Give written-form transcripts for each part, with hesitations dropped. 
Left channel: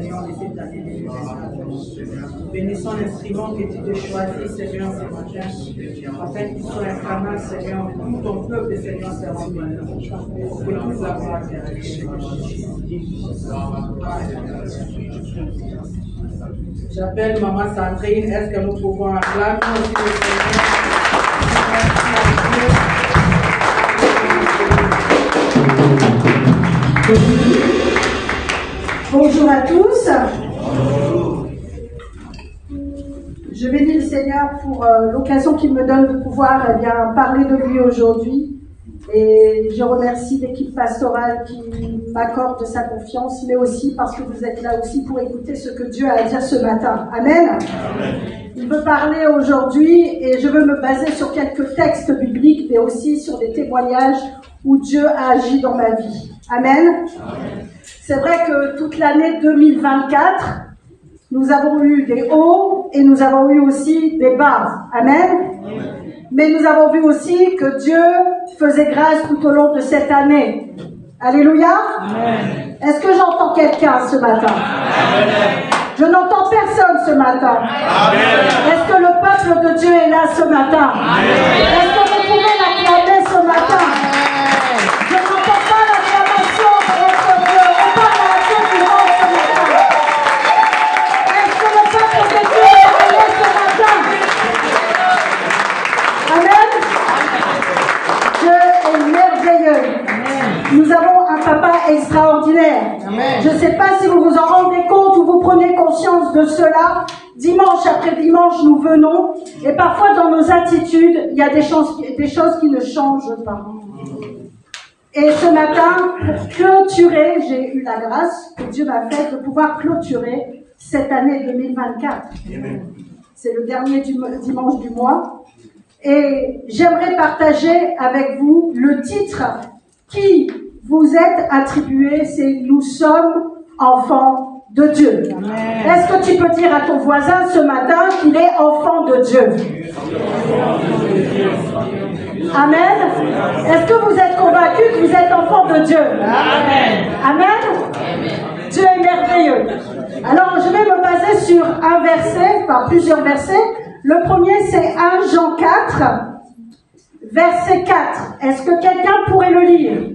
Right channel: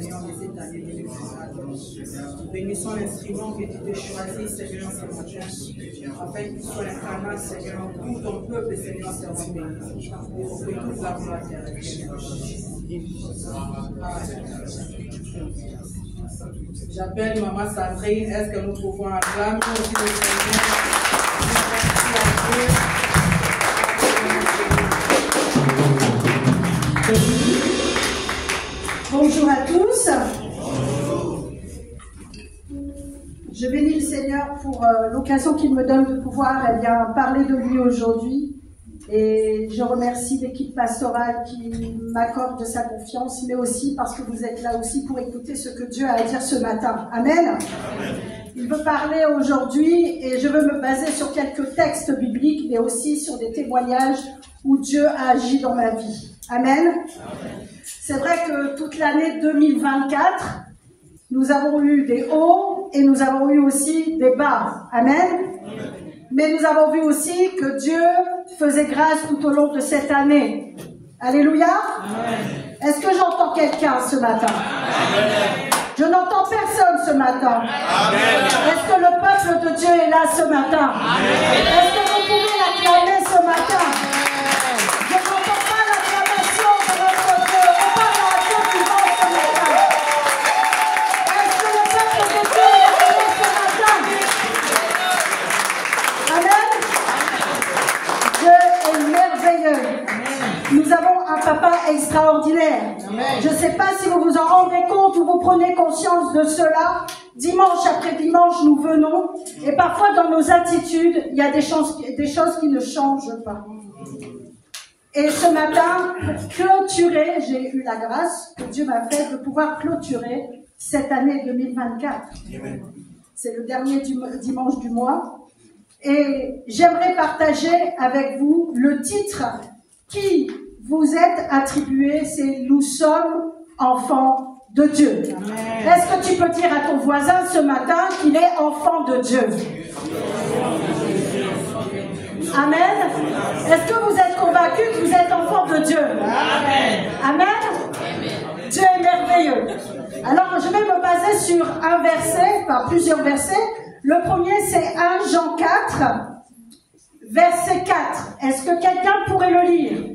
Seigneur, de cette année 2024. Bénissons l'instrument que tu te choisis, Seigneur, ce matin, afin qu'il soit incarnat, Seigneur, tout ton peuple, Seigneur, sera béni. Que toute la gloire J'appelle Maman Sandrine. Est-ce que nous pouvons acclamer aussi le Seigneur? Bonjour à tous. Je bénis le Seigneur pour l'occasion qu'il me donne de pouvoir parler de lui aujourd'hui. Et je remercie l'équipe pastorale qui m'accorde sa confiance, mais aussi parce que vous êtes là aussi pour écouter ce que Dieu a à dire ce matin. Amen. Amen. Il veut parler aujourd'hui et je veux me baser sur quelques textes bibliques, mais aussi sur des témoignages où Dieu a agi dans ma vie. Amen. Amen. C'est vrai que toute l'année 2024, nous avons eu des hauts et nous avons eu aussi des bas. Amen. Amen. Mais nous avons vu aussi que Dieu faisait grâce tout au long de cette année. Alléluia. Amen. Est-ce que j'entends quelqu'un ce matin? Amen. Je n'entends personne ce matin. Amen. Est-ce que le peuple de Dieu est là ce matin? Amen. Est-ce que vous pouvez l'acclamer ce matin? Amen. Je n'entends pas l'acclamation de notre Dieu. On parle à la cause du monde ce matin. Est-ce que le peuple de Dieu est là ce matin? Amen. Dieu est merveilleux. Nous avons un papa extraordinaire. Amen. Je ne sais pas si vous vous en rendez compte ou vous prenez conscience de cela. Dimanche après dimanche, nous venons et parfois dans nos attitudes, il y a des choses qui ne changent pas. Et ce matin, pour clôturer, j'ai eu la grâce que Dieu m'a faite de pouvoir clôturer cette année 2024. Amen. C'est le dernier dimanche du mois. Et j'aimerais partager avec vous le titre qui vous est attribué, c'est « Nous sommes enfants de Dieu ». Est-ce que tu peux dire à ton voisin ce matin qu'il est enfant de Dieu? Amen. Est-ce que vous êtes convaincus que vous êtes enfant de Dieu? Amen. Amen. Dieu est merveilleux. Alors, je vais me baser sur un verset, par plusieurs versets. Le premier, c'est 1 Jean 4, verset 4. Est-ce que quelqu'un pourrait le lire?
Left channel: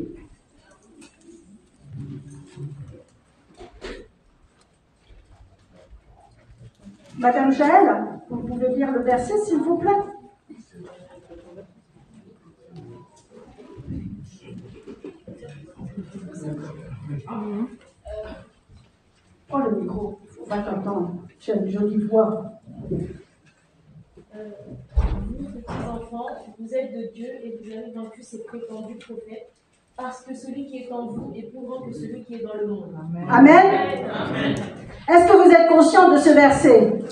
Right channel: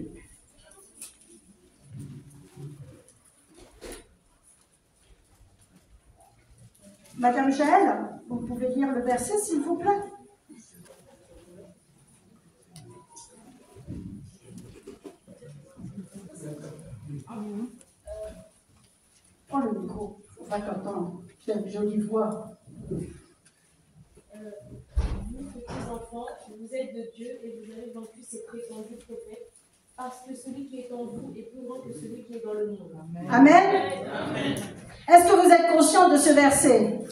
Madame Jaël, vous pouvez lire le verset, s'il vous plaît? Oh, le micro, il ne faut pas t'entendre. Tu as une jolie voix. Vous, petits enfants, vous êtes de Dieu et vous avez vaincu ces prétendus prophètes, parce que celui qui est en vous est plus grand que celui qui est dans le monde. Amen. Amen. Est-ce que vous êtes conscient de ce verset?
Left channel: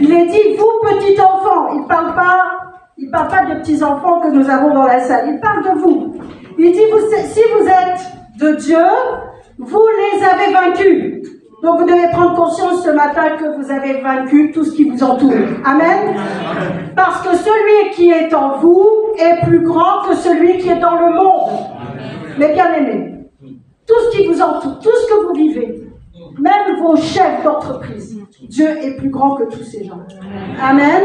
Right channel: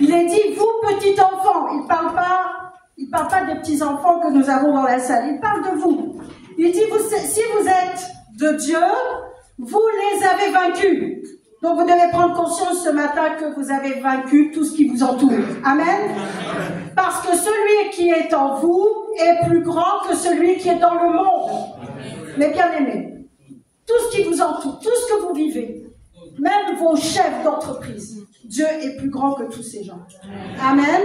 Il est dit, vous petits enfants. Il ne parle pas de petits enfants que nous avons dans la salle. Il parle de vous. Il dit, si vous êtes de Dieu, vous les avez vaincus. Donc vous devez prendre conscience ce matin que vous avez vaincu tout ce qui vous entoure. Amen. Parce que celui qui est en vous est plus grand que celui qui est dans le monde. Mais bien aimés, tout ce qui vous entoure, tout ce que vous vivez, même vos chefs d'entreprise, Dieu est plus grand que tous ces gens. Amen.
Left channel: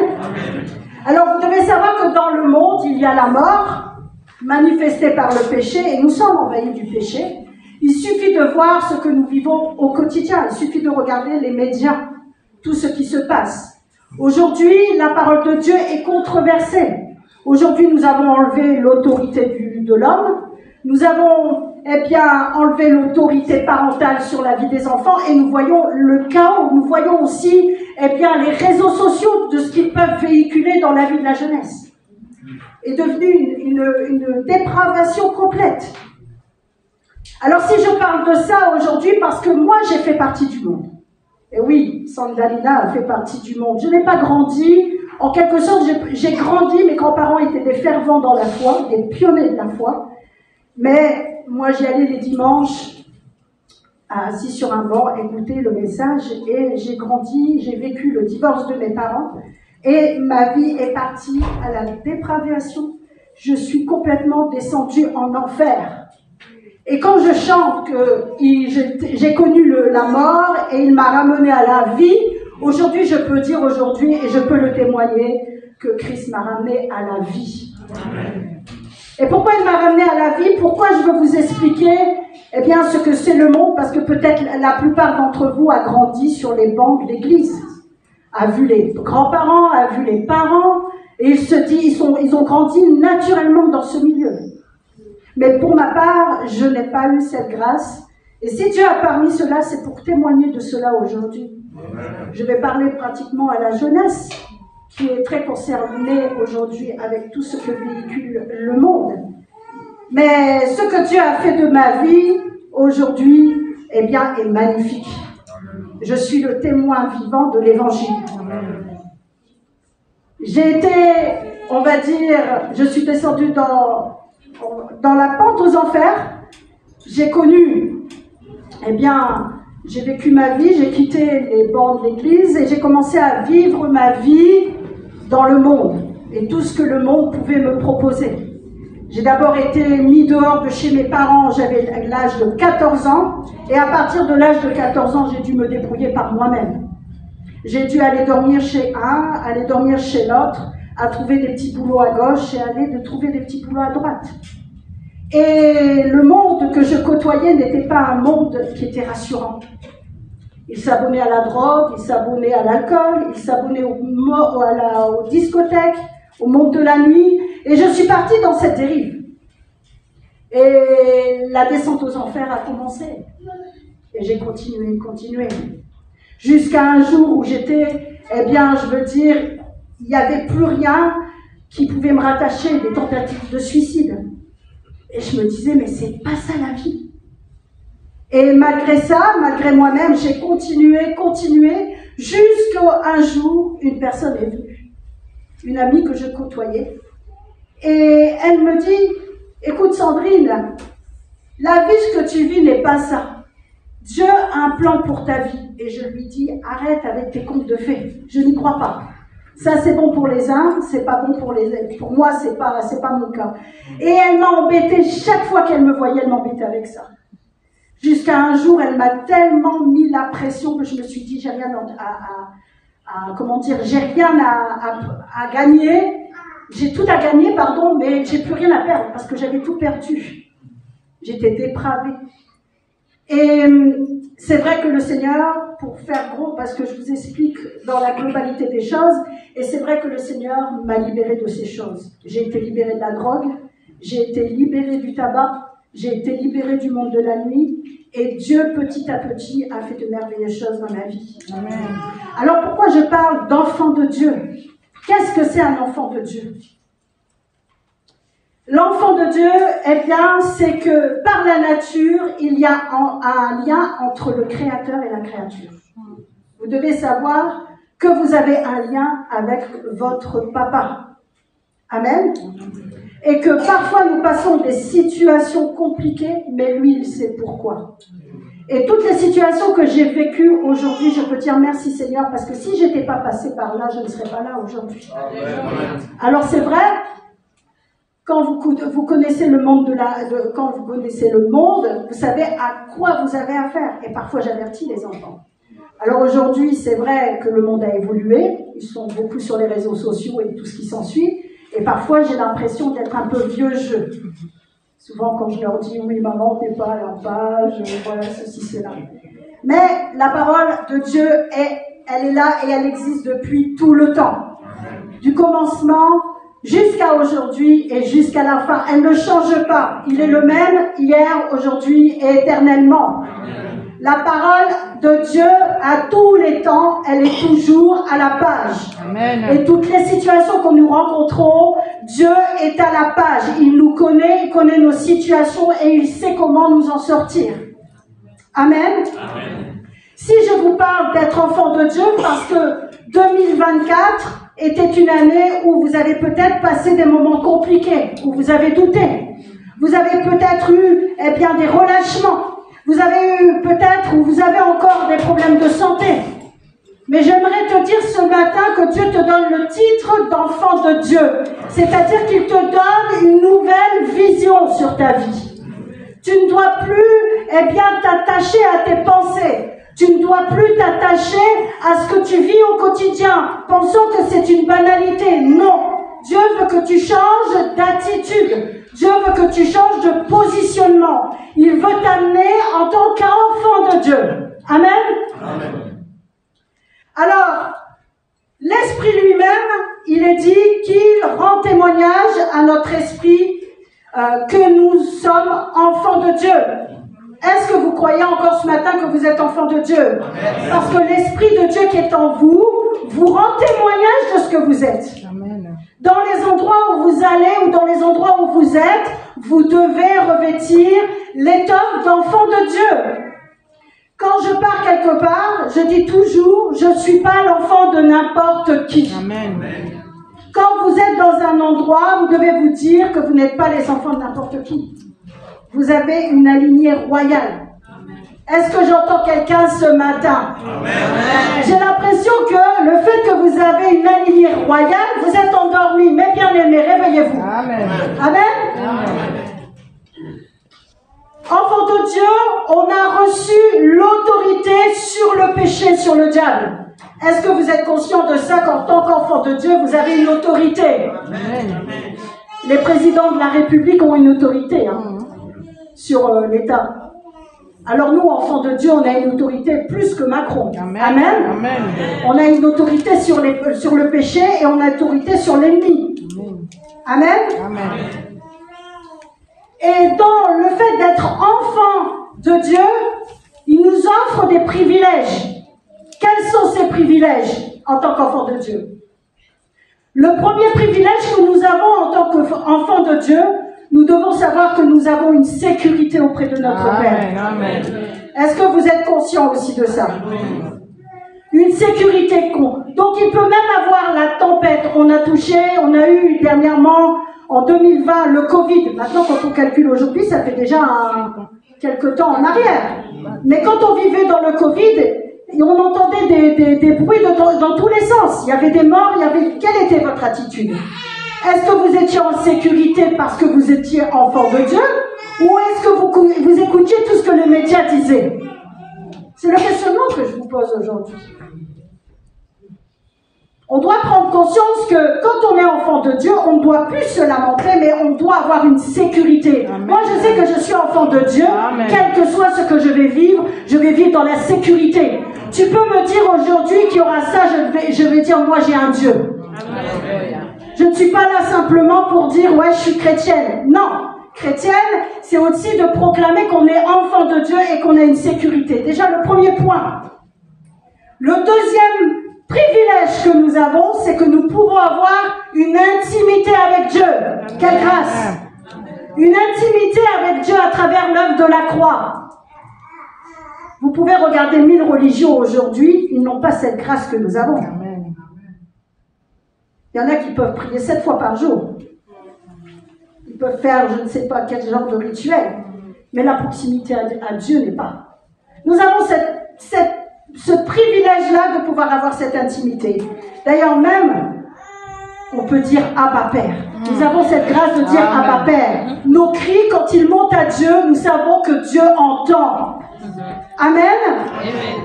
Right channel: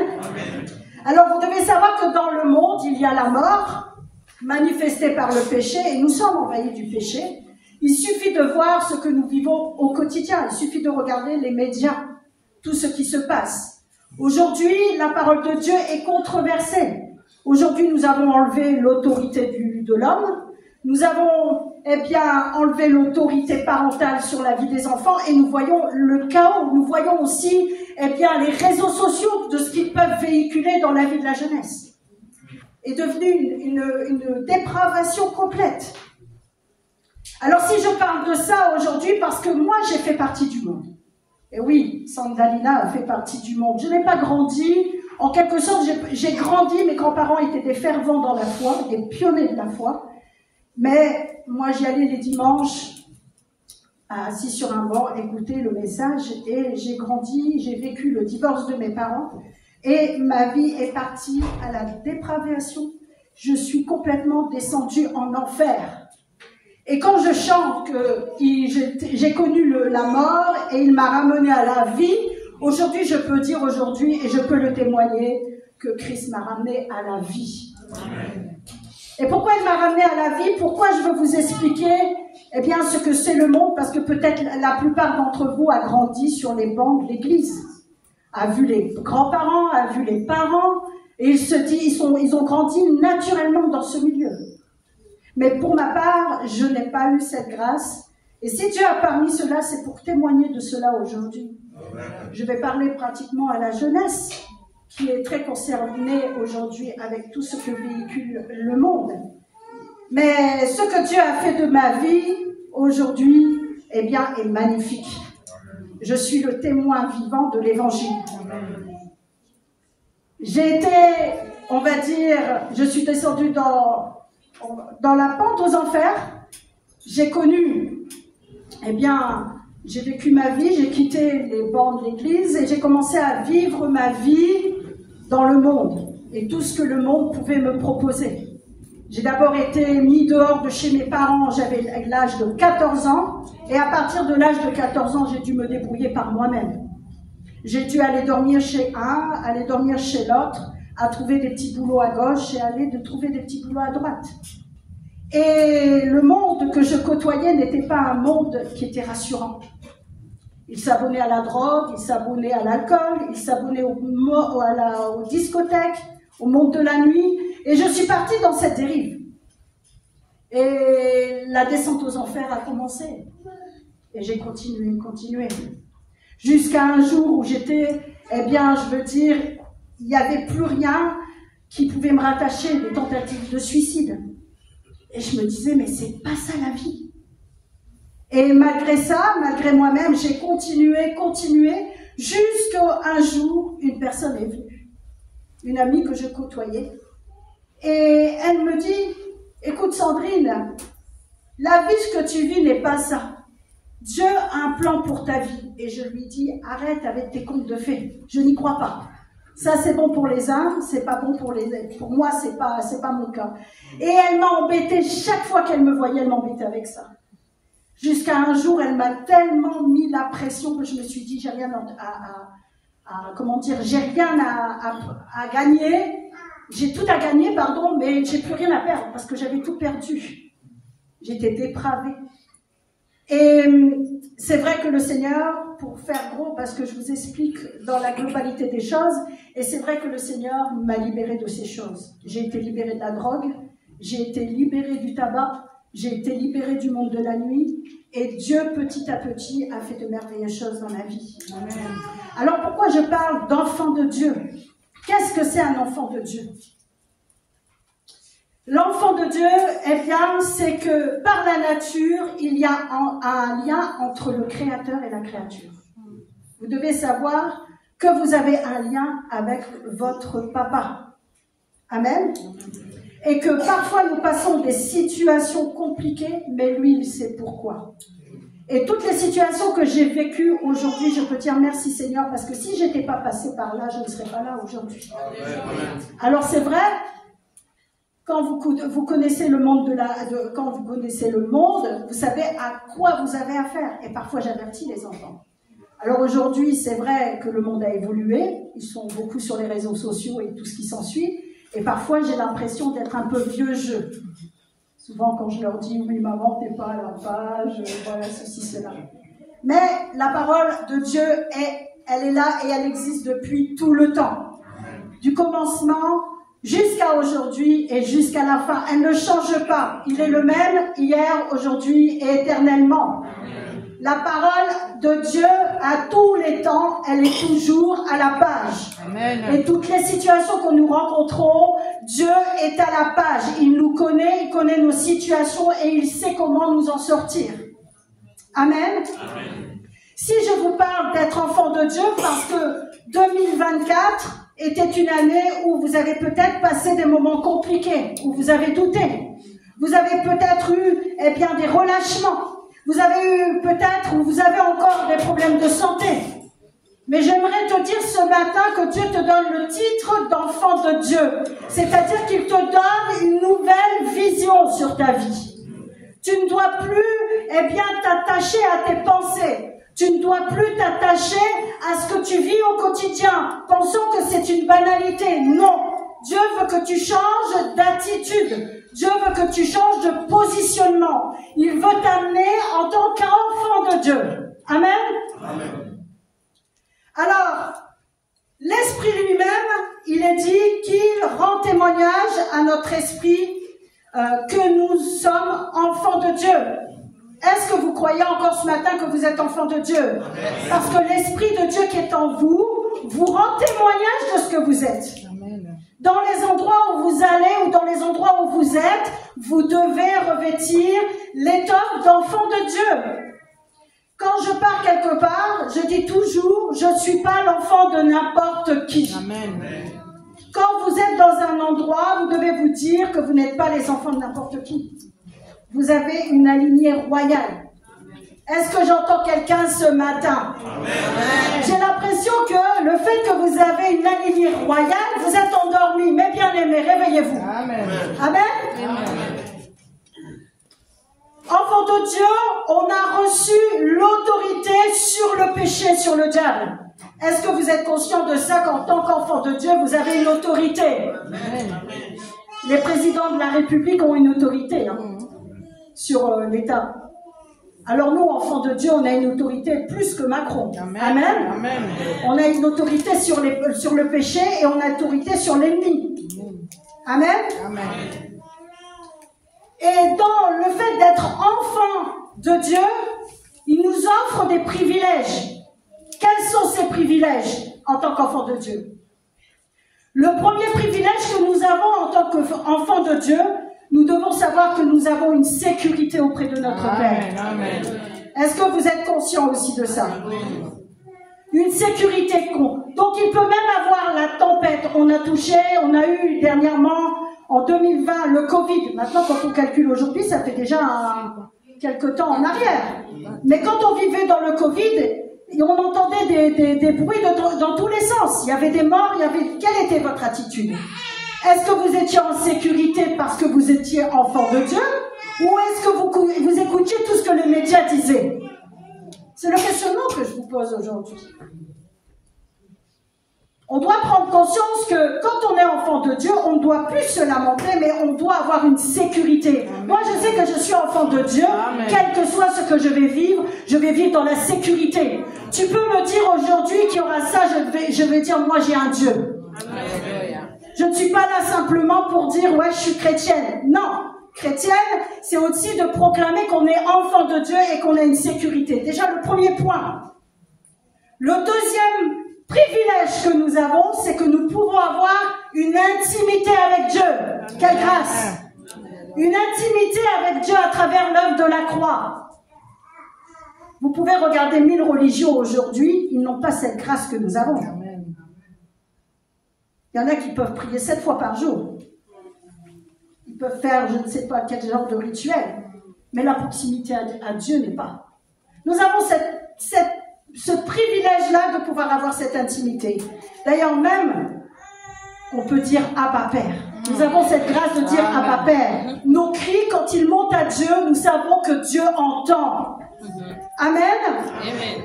Alors vous devez savoir que dans le monde, il y a la mort manifestée par le péché et nous sommes envahis du péché. Il suffit de voir ce que nous vivons au quotidien. Il suffit de regarder les médias, tout ce qui se passe. Aujourd'hui, la parole de Dieu est controversée. Aujourd'hui, nous avons enlevé l'autorité de l'homme. Nous avons enlevé l'autorité parentale sur la vie des enfants et nous voyons le chaos. Nous voyons aussi les réseaux sociaux de ce qu'ils peuvent véhiculer dans la vie de la jeunesse. Est devenue une dépravation complète. Alors si je parle de ça aujourd'hui, parce que moi j'ai fait partie du monde. Et oui, Sandalina a fait partie du monde. Je n'ai pas grandi, en quelque sorte j'ai grandi, mes grands-parents étaient des fervents dans la foi, des pionniers de la foi. Mais moi j'y allais les dimanches, assis sur un banc, écouter le message, et j'ai grandi, j'ai vécu le divorce de mes parents, et ma vie est partie à la dépravation. Je suis complètement descendue en enfer. Et quand je chante que j'ai connu la mort et il m'a ramené à la vie, aujourd'hui je peux dire aujourd'hui et je peux le témoigner que Christ m'a ramené à la vie. Et pourquoi il m'a ramené à la vie? Pourquoi je veux vous expliquer eh bien ce que c'est le monde? Parce que peut-être la plupart d'entre vous a grandi sur les bancs de l'église, a vu les grands-parents, a vu les parents, et il se dit ils ont grandi naturellement dans ce milieu. Mais pour ma part, je n'ai pas eu cette grâce. Et si Dieu a permis cela, c'est pour témoigner de cela aujourd'hui. Je vais parler pratiquement à la jeunesse, qui est très concernée aujourd'hui avec tout ce que véhicule le monde. Mais ce que Dieu a fait de ma vie aujourd'hui, eh bien, est magnifique. Je suis le témoin vivant de l'Évangile. J'ai été, on va dire, je suis descendue dans la pente aux enfers. J'ai connu, eh bien, j'ai vécu ma vie, j'ai quitté les bancs de l'église et j'ai commencé à vivre ma vie dans le monde et tout ce que le monde pouvait me proposer. J'ai d'abord été mis dehors de chez mes parents, j'avais l'âge de 14 ans et à partir de l'âge de 14 ans, j'ai dû me débrouiller par moi-même. J'ai dû aller dormir chez un, aller dormir chez l'autre, à trouver des petits boulots à gauche et aller trouver des petits boulots à droite. Et le monde que je côtoyais n'était pas un monde qui était rassurant. Il s'abonnait à la drogue, il s'abonnait à l'alcool, il s'abonnait aux discothèques, au monde de la nuit. Et je suis partie dans cette dérive. Et la descente aux enfers a commencé. Et j'ai continué. Jusqu'à un jour où j'étais, eh bien, je veux dire, il n'y avait plus rien qui pouvait me rattacher, des tentatives de suicide. Et je me disais, mais c'est pas ça la vie. Et malgré ça, malgré moi-même, j'ai continué, jusqu'à un jour, une personne est venue. Une amie que je côtoyais. Et elle me dit, écoute Sandrine, la vie que tu vis n'est pas ça. Dieu a un plan pour ta vie. Et je lui dis, arrête avec tes contes de fées. Je n'y crois pas. Ça, c'est bon pour les uns, c'est pas bon pour les autres. Pour moi, c'est pas mon cas. Et elle m'a embêtée, chaque fois qu'elle me voyait, elle m'embêtait avec ça. Jusqu'à un jour, elle m'a tellement mis la pression que je me suis dit, j'ai rien j'ai rien à gagner. J'ai tout à gagner, pardon, mais j'ai plus rien à perdre parce que j'avais tout perdu. J'étais dépravée. Et c'est vrai que le Seigneur, pour faire gros, parce que je vous explique dans la globalité des choses, et c'est vrai que le Seigneur m'a libérée de ces choses. J'ai été libérée de la drogue, j'ai été libérée du tabac, j'ai été libérée du monde de la nuit, et Dieu, petit à petit, a fait de merveilleuses choses dans ma vie. Amen. Alors pourquoi je parle d'enfant de Dieu? Qu'est-ce que c'est un enfant de Dieu? L'enfant de Dieu, eh bien, c'est que par la nature, il y a un lien entre le Créateur et la créature. Vous devez savoir que vous avez un lien avec votre papa. Amen. Et que parfois nous passons des situations compliquées, mais lui, il sait pourquoi. Et toutes les situations que j'ai vécues aujourd'hui, je peux dire merci Seigneur, parce que si je n'étais pas passée par là, je ne serais pas là aujourd'hui. Alors c'est vrai, quand vous connaissez le monde quand vous connaissez le monde, vous savez à quoi vous avez affaire. Et parfois j'avertis les enfants. Alors aujourd'hui, c'est vrai que le monde a évolué, ils sont beaucoup sur les réseaux sociaux et tout ce qui s'ensuit, et parfois j'ai l'impression d'être un peu vieux jeu. Souvent quand je leur dis oui maman, t'es pas à la page, voilà ceci, cela. Mais la parole de Dieu, elle est là et elle existe depuis tout le temps. Du commencement jusqu'à aujourd'hui et jusqu'à la fin. Elle ne change pas. Il est le même hier, aujourd'hui et éternellement. La parole de Dieu, à tous les temps, elle est toujours à la page. Amen. Et toutes les situations que nous rencontrons, Dieu est à la page. Il nous connaît, il connaît nos situations et il sait comment nous en sortir. Amen. Amen. Si je vous parle d'être enfant de Dieu, parce que 2024 était une année où vous avez peut-être passé des moments compliqués, où vous avez douté. Vous avez peut-être eu, eh bien, des relâchements. Vous avez eu peut-être, ou vous avez encore des problèmes de santé. Mais j'aimerais te dire ce matin que Dieu te donne le titre d'enfant de Dieu. C'est-à-dire qu'il te donne une nouvelle vision sur ta vie. Tu ne dois plus, eh bien, t'attacher à tes pensées. Tu ne dois plus t'attacher à ce que tu vis au quotidien, pensant que c'est une banalité. Non. Dieu veut que tu changes d'attitude. Dieu veut que tu changes de positionnement. Il veut t'amener en tant qu'enfant de Dieu. Amen. Amen. Alors, l'Esprit lui-même, il est dit qu'il rend témoignage à notre esprit que nous sommes enfants de Dieu. Est-ce que vous croyez encore ce matin que vous êtes enfants de Dieu? Parce que l'Esprit de Dieu qui est en vous, vous rend témoignage de ce que vous êtes. Amen. Dans les endroits où vous allez ou dans les endroits où vous êtes, vous devez revêtir l'étoffe d'enfant de Dieu. Quand je pars quelque part, je dis toujours, je ne suis pas l'enfant de n'importe qui. Amen. Quand vous êtes dans un endroit, vous devez vous dire que vous n'êtes pas les enfants de n'importe qui. Vous avez une alignée royale. Est-ce que j'entends quelqu'un ce matin? Amen. J'ai l'impression que le fait que vous avez une alignée royale, vous êtes endormis. Mais bien aimés, réveillez-vous. Amen. Amen. Amen. Enfant de Dieu, on a reçu l'autorité sur le péché, sur le diable. Est-ce que vous êtes conscient de ça qu'en tant qu'enfant de Dieu, vous avez une autorité? Amen. Les présidents de la République ont une autorité sur l'État. Alors nous, enfants de Dieu, on a une autorité plus que Macron. Amen. Amen. Amen. On a une autorité sur le péché et on a une autorité sur l'ennemi. Amen. Amen. Et dans le fait d'être enfant de Dieu, il nous offre des privilèges. Quels sont ces privilèges en tant qu'enfant de Dieu? Le premier privilège que nous avons en tant qu'enfant de Dieu, nous devons savoir que nous avons une sécurité auprès de notre Père. Amen. Est-ce que vous êtes conscient aussi de ça? Amen. Une sécurité. Donc il peut même avoir la tempête. On a eu dernièrement, en 2020, le Covid. Maintenant, quand on calcule aujourd'hui, ça fait déjà quelque temps en arrière. Mais quand on vivait dans le Covid, on entendait des bruits dans tous les sens. Il y avait des morts, Quelle était votre attitude? Est-ce que vous étiez en sécurité parce que vous étiez enfant de Dieu? Ou est-ce que vous écoutiez tout ce que les médias disaient? C'est le questionnement que je vous pose aujourd'hui. On doit prendre conscience que quand on est enfant de Dieu, on ne doit plus se lamenter, mais on doit avoir une sécurité. Amen. Moi, je sais que je suis enfant de Dieu. Amen. Quel que soit ce que je vais vivre dans la sécurité. Tu peux me dire aujourd'hui qu'il y aura ça, je vais dire, moi j'ai un Dieu. Amen. Je ne suis pas là simplement pour dire, ouais, je suis chrétienne. Non, chrétienne, c'est aussi de proclamer qu'on est enfant de Dieu et qu'on a une sécurité. Déjà, le premier point. Le deuxième privilège que nous avons, c'est que nous pouvons avoir une intimité avec Dieu. Quelle grâce! Une intimité avec Dieu à travers l'œuvre de la croix. Vous pouvez regarder 1000 religions aujourd'hui, ils n'ont pas cette grâce que nous avons. Il y en a qui peuvent prier 7 fois par jour. Ils peuvent faire je ne sais pas quel genre de rituel. Mais la proximité à Dieu n'est pas. Nous avons ce privilège-là de pouvoir avoir cette intimité. D'ailleurs, même, on peut dire Abba Père. Nous avons cette grâce de dire Abba Père. Nos cris, quand ils montent à Dieu, nous savons que Dieu entend. Amen. Amen.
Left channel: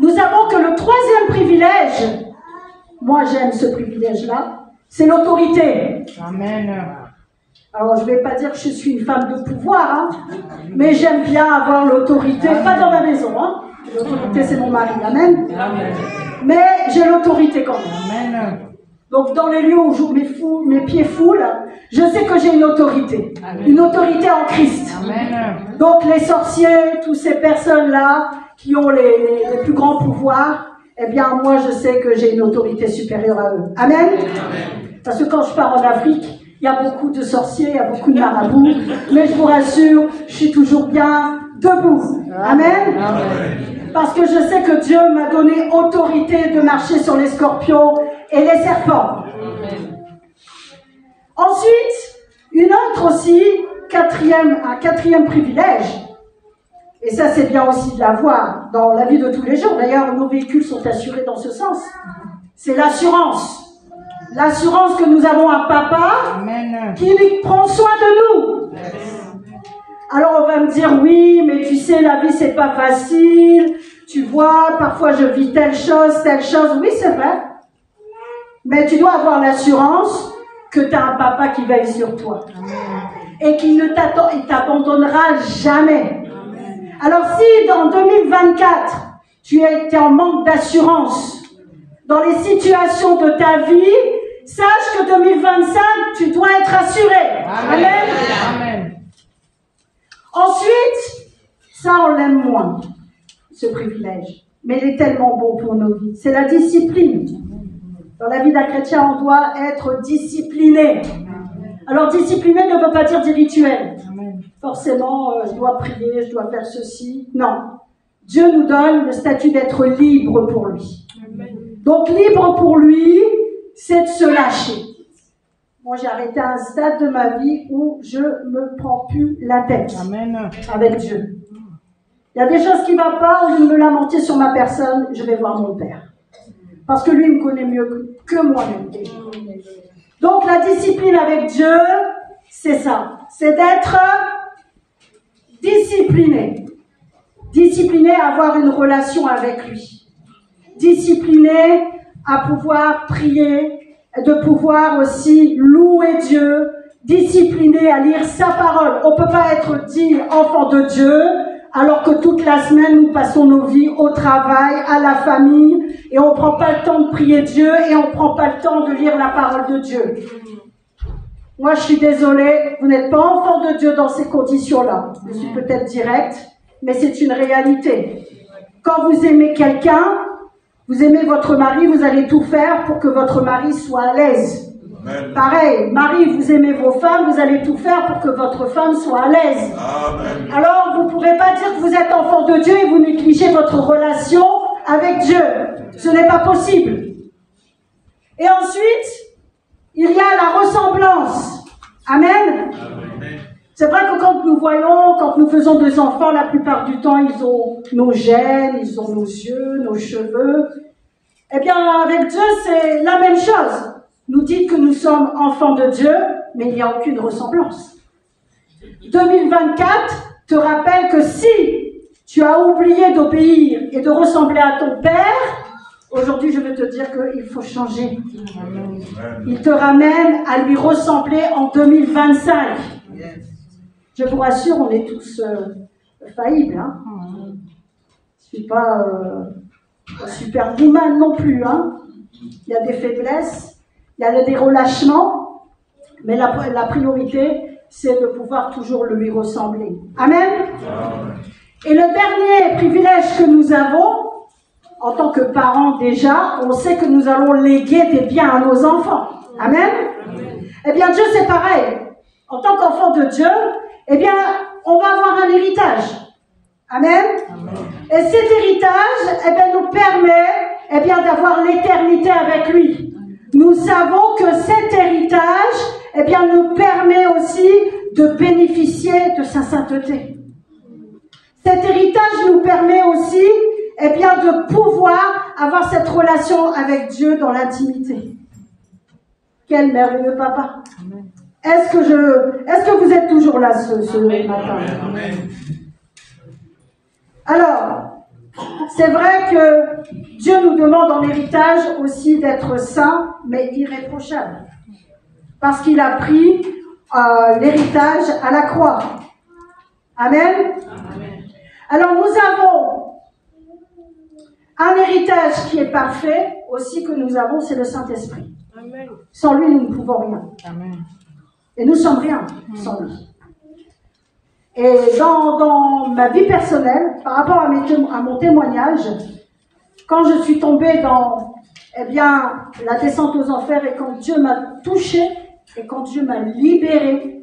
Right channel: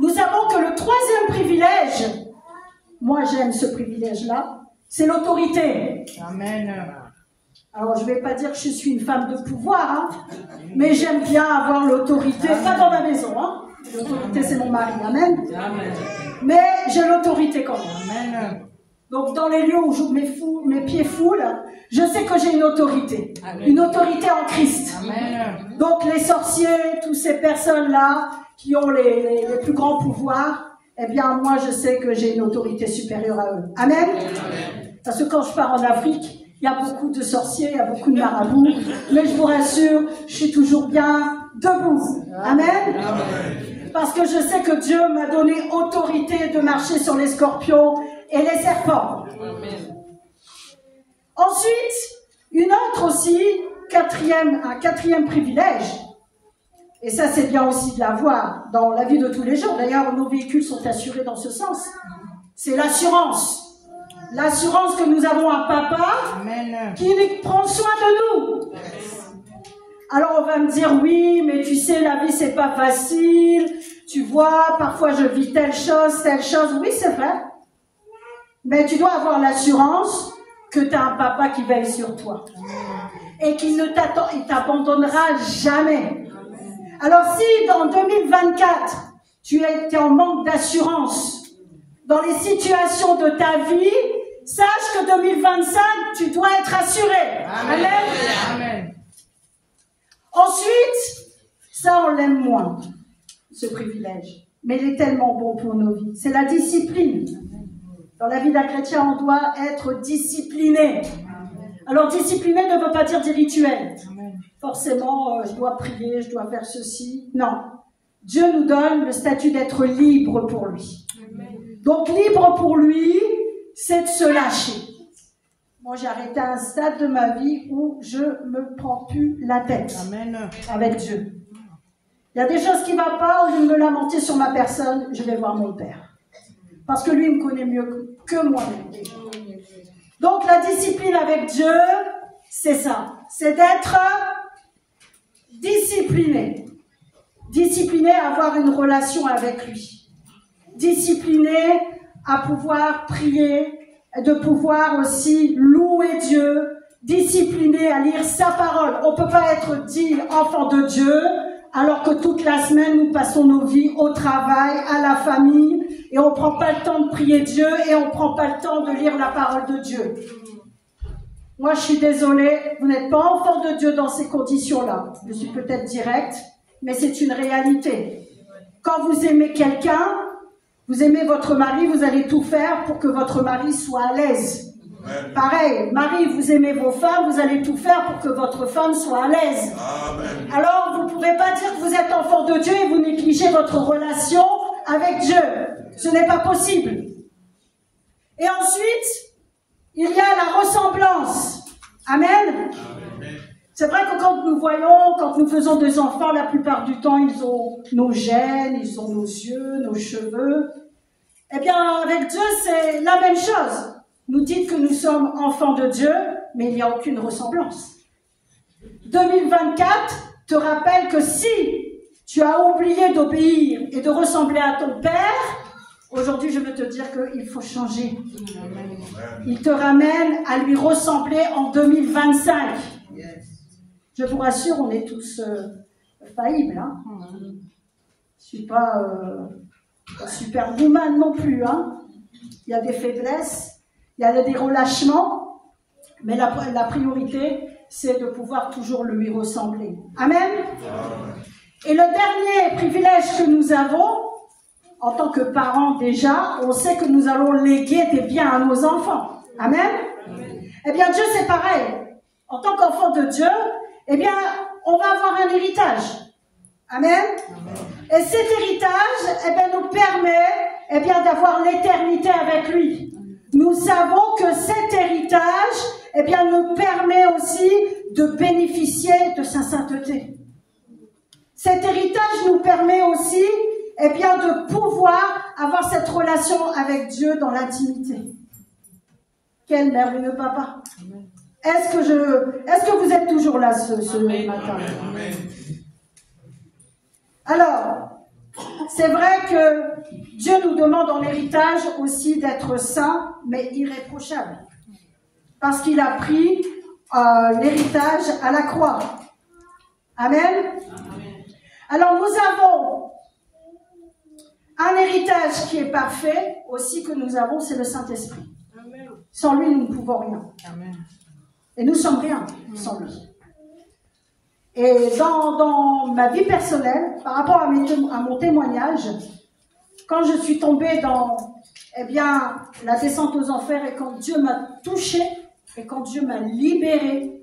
Nous savons que le troisième privilège, moi j'aime ce privilège-là, c'est l'autorité. Amen. Alors je ne vais pas dire que je suis une femme de pouvoir, mais j'aime bien avoir l'autorité, pas dans ma maison, l'autorité c'est mon mari, amen. Amen. Mais j'ai l'autorité quand même. Amen. Donc dans les lieux où mes pieds foulent, je sais que j'ai une autorité. Amen. Une autorité en Christ. Amen. Donc les sorciers, toutes ces personnes-là qui ont les plus grands pouvoirs, eh bien moi je sais que j'ai une autorité supérieure à eux. Amen. Amen. Parce que quand je pars en Afrique, il y a beaucoup de sorciers, il y a beaucoup de marabouts, mais je vous rassure, je suis toujours bien debout. Amen. Amen. Parce que je sais que Dieu m'a donné autorité de marcher sur les scorpions et les serpents. Amen. Ensuite, une autre aussi, un quatrième privilège, et ça c'est bien aussi de l'avoir dans la vie de tous les jours, d'ailleurs nos véhicules sont assurés dans ce sens, c'est l'assurance. L'assurance que nous avons un papa Amen. Qui prend soin de nous. Yes. Alors on va me dire, oui, mais tu sais, la vie c'est pas facile, tu vois, parfois je vis telle chose, oui c'est vrai. Mais tu dois avoir l'assurance que tu as un papa qui veille sur toi. Et qui ne t'abandonnera jamais. Alors si dans 2024, tu es en manque d'assurance dans les situations de ta vie, sache que 2025, tu dois être assuré. Amen. Ensuite, ça on l'aime moins, ce privilège. Mais il est tellement bon pour nos vies. C'est la discipline. Dans la vie d'un chrétien, on doit être discipliné. Alors discipliné ne veut pas dire des rituels. Forcément, je dois prier, je dois faire ceci. Non. Dieu nous donne le statut d'être libre pour lui. Donc libre pour lui, c'est de se lâcher. Moi, j'ai arrêté un stade de ma vie où je me prends plus la tête avec Dieu. Il y a des choses qui ne vont pas, au lieu de me lamenter sur ma personne, je vais voir mon Père. Parce que lui, il me connaît mieux que moi-même. Donc la discipline avec Dieu, c'est ça. C'est d'être discipliné. Discipliné à avoir une relation avec lui. Discipliné à pouvoir prier, de pouvoir aussi louer Dieu. Discipliné à lire sa parole. On ne peut pas être dit enfant de Dieu alors que toute la semaine nous passons nos vies au travail, à la famille, et on ne prend pas le temps de prier Dieu et on ne prend pas le temps de lire la parole de Dieu. Moi, je suis désolée, vous n'êtes pas enfant de Dieu dans ces conditions-là. Je suis peut-être directe, mais c'est une réalité. Quand vous aimez quelqu'un, vous aimez votre mari, vous allez tout faire pour que votre mari soit à l'aise. Pareil, Marie, vous aimez vos femmes, vous allez tout faire pour que votre femme soit à l'aise. Alors, vous ne pouvez pas dire que vous êtes enfant de Dieu et vous négligez votre relation avec Dieu. Ce n'est pas possible. Et ensuite, il y a la ressemblance. Amen. C'est vrai que quand nous voyons, quand nous faisons des enfants, la plupart du temps, ils ont nos gènes, ils ont nos yeux, nos cheveux. Eh bien, avec Dieu, c'est la même chose. Nous dites que nous sommes enfants de Dieu, mais il n'y a aucune ressemblance. 2024 te rappelle que si tu as oublié d'obéir et de ressembler à ton Père, aujourd'hui je vais te dire qu'il faut changer. Il te ramène à lui ressembler en 2025. Je vous rassure, on est tous faillibles. Hein. Je ne suis pas superwoman non plus. Hein. Il y a des faiblesses. Il y a des relâchements, mais la priorité, c'est de pouvoir toujours lui ressembler. Amen. Et le dernier privilège que nous avons, en tant que parents déjà, on sait que nous allons léguer des biens à nos enfants. Amen. Eh bien, Dieu, c'est pareil. En tant qu'enfant de Dieu, eh bien, on va avoir un héritage. Amen. Et cet héritage, eh bien, nous permet, eh bien, d'avoir l'éternité avec lui. Nous savons que cet héritage, eh bien, nous permet aussi de bénéficier de sa sainteté. Cet héritage nous permet aussi, eh bien, de pouvoir avoir cette relation avec Dieu dans l'intimité. Quel merveilleux papa. Est-ce que vous êtes toujours là ce matin? Alors, c'est vrai que Dieu nous demande en héritage aussi d'être saints, mais irréprochables. Parce qu'il a pris l'héritage à la croix. Amen. Alors nous avons un héritage qui est parfait, aussi que nous avons, c'est le Saint-Esprit. Sans lui, nous ne pouvons rien. Et nous ne sommes rien sans lui. Et dans ma vie personnelle, par rapport à mon témoignage, quand je suis tombée dans la descente aux enfers et quand Dieu m'a touchée et quand Dieu m'a libérée,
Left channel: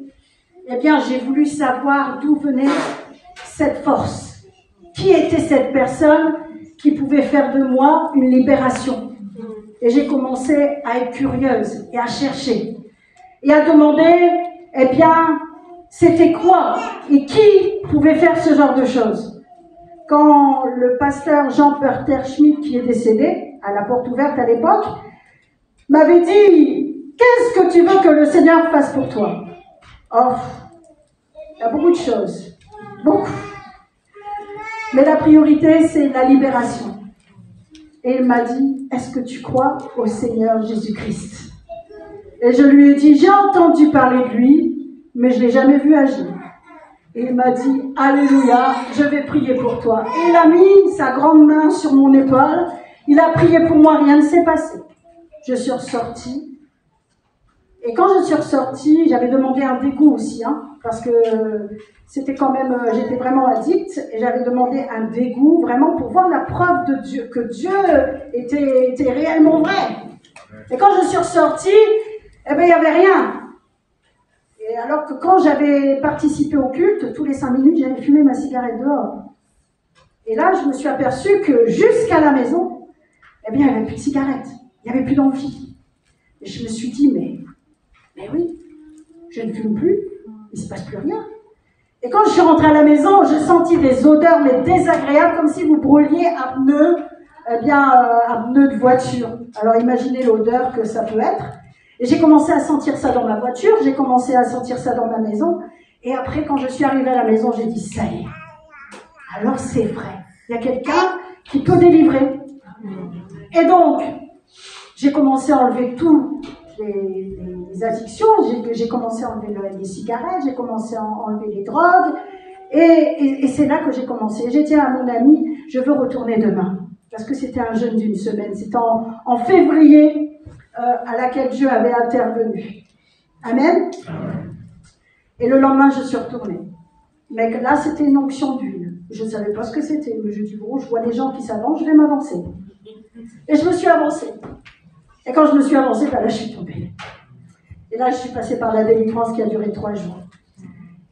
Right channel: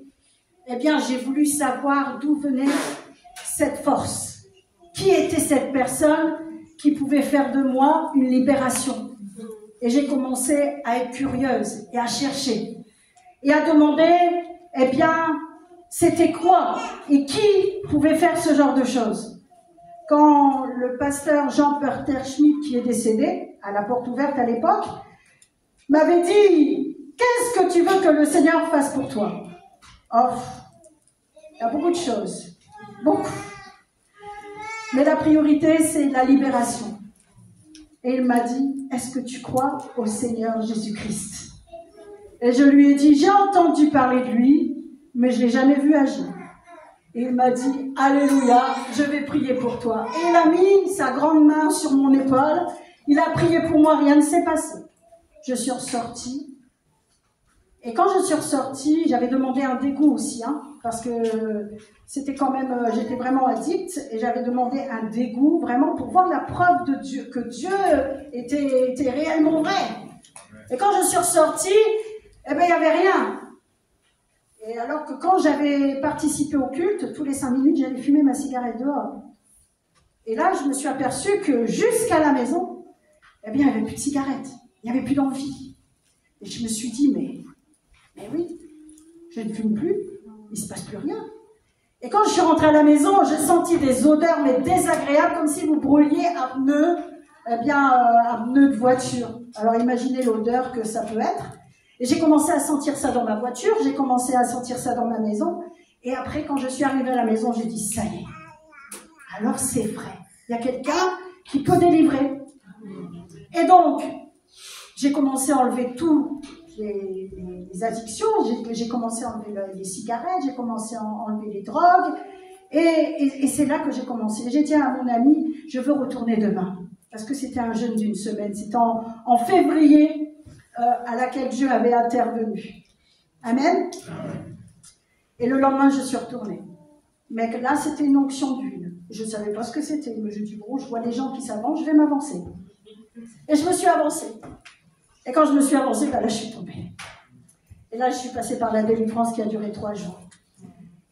j'ai voulu savoir d'où venait cette force. Qui était cette personne qui pouvait faire de moi une libération? Et j'ai commencé à être curieuse et à chercher et à demander, c'était quoi et qui pouvait faire ce genre de choses? Quand le pasteur Jean Perter Schmidt, qui est décédé, à la porte ouverte à l'époque, m'avait dit, qu'est-ce que tu veux que le Seigneur fasse pour toi? Oh, il y a beaucoup de choses. beaucoup. Mais la priorité, c'est la libération. Et il m'a dit, est-ce que tu crois au Seigneur Jésus-Christ? Et je lui ai dit, j'ai entendu parler de lui, mais je ne l'ai jamais vu agir. Et il m'a dit, alléluia, je vais prier pour toi. Et il a mis sa grande main sur mon épaule, il a prié pour moi, rien ne s'est passé. Je suis ressortie. Et quand je suis ressortie, j'avais demandé un dégoût aussi, parce que c'était quand même, j'étais vraiment addicte, et j'avais demandé un dégoût vraiment pour voir la preuve de Dieu, que Dieu était réellement vrai. Et quand je suis ressortie, eh bien, il n'y avait rien. Et alors que quand j'avais participé au culte, tous les 5 minutes, j'allais fumer ma cigarette dehors. Et là, je me suis aperçue que jusqu'à la maison, eh bien, il n'y avait plus de cigarettes, il n'y avait plus d'envie. Et je me suis dit, mais oui, je ne fume plus, il ne se passe plus rien. Et quand je suis rentrée à la maison, j'ai senti des odeurs, mais désagréables, comme si vous brûliez un pneu, un pneu de voiture. Alors imaginez l'odeur que ça peut être. Et j'ai commencé à sentir ça dans ma voiture, j'ai commencé à sentir ça dans ma maison. Et après, quand je suis arrivée à la maison, j'ai dit, ça y est. Alors c'est vrai, il y a quelqu'un qui peut délivrer. Et donc, j'ai commencé à enlever toutes les addictions, j'ai commencé à enlever les cigarettes, j'ai commencé à enlever les drogues, et c'est là que j'ai commencé. J'ai dit à mon ami, je veux retourner demain, parce que c'était un jeûne d'1 semaine, c'était en février, à laquelle Dieu avait intervenu. Amen. Et le lendemain, je suis retournée. Mais là, c'était une onction d'huile. Je ne savais pas ce que c'était, mais je dis, bon, je vois les gens qui s'avancent, je vais m'avancer. Et je me suis avancée. Et quand je me suis avancée, là, je suis tombée. Et là, je suis passée par la délivrance qui a duré 3 jours.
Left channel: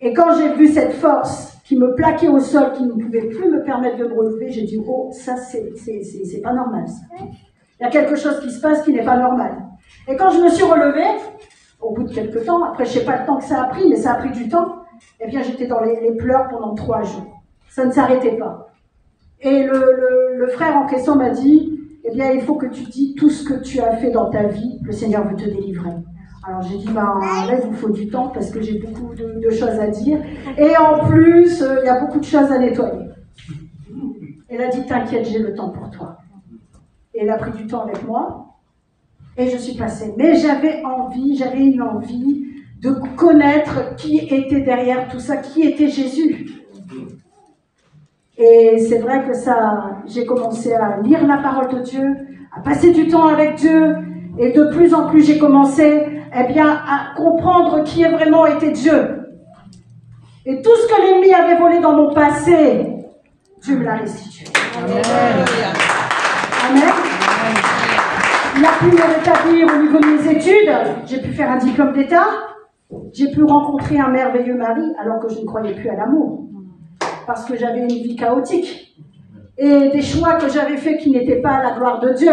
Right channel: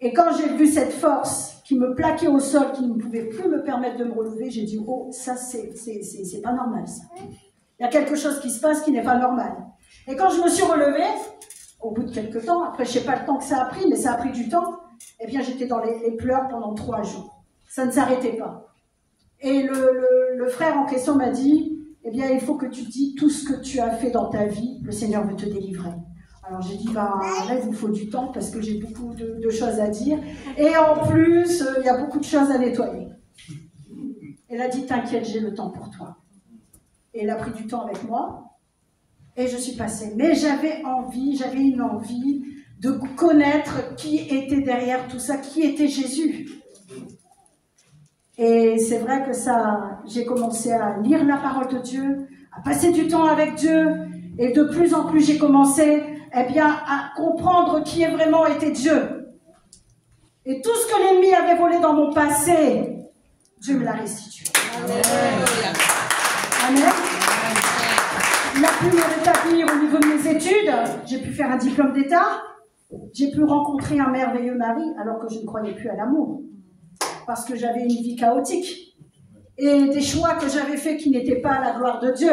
Et quand j'ai vu cette force qui me plaquait au sol, qui ne pouvait plus me permettre de me relever, j'ai dit, oh, ça, c'est pas normal, ça. Il y a quelque chose qui se passe qui n'est pas normal. Et quand je me suis relevée, au bout de quelques temps, après, je ne sais pas le temps que ça a pris, mais ça a pris du temps, eh bien, j'étais dans les pleurs pendant 3 jours. Ça ne s'arrêtait pas. Et le frère en question m'a dit, eh bien, il faut que tu dis tout ce que tu as fait dans ta vie, le Seigneur veut te délivrer. Alors j'ai dit, là, il vous faut du temps parce que j'ai beaucoup de choses à dire. Et en plus, il y a beaucoup de choses à nettoyer. Elle a dit, t'inquiète, j'ai le temps pour toi. Et elle a pris du temps avec moi. Et je suis passée. Mais j'avais une envie de connaître qui était derrière tout ça, qui était Jésus. Et c'est vrai que j'ai commencé à lire la parole de Dieu, à passer du temps avec Dieu, et de plus en plus j'ai commencé, à comprendre qui vraiment était Dieu. Et tout ce que l'ennemi avait volé dans mon passé, Dieu me l'a restitué. Amen. Amen. Il a pu me rétablir au niveau de mes études, j'ai pu faire un diplôme d'État, j'ai pu rencontrer un merveilleux mari alors que je ne croyais plus à l'amour. Parce que j'avais une vie chaotique et des choix que j'avais faits qui n'étaient pas à la gloire de Dieu.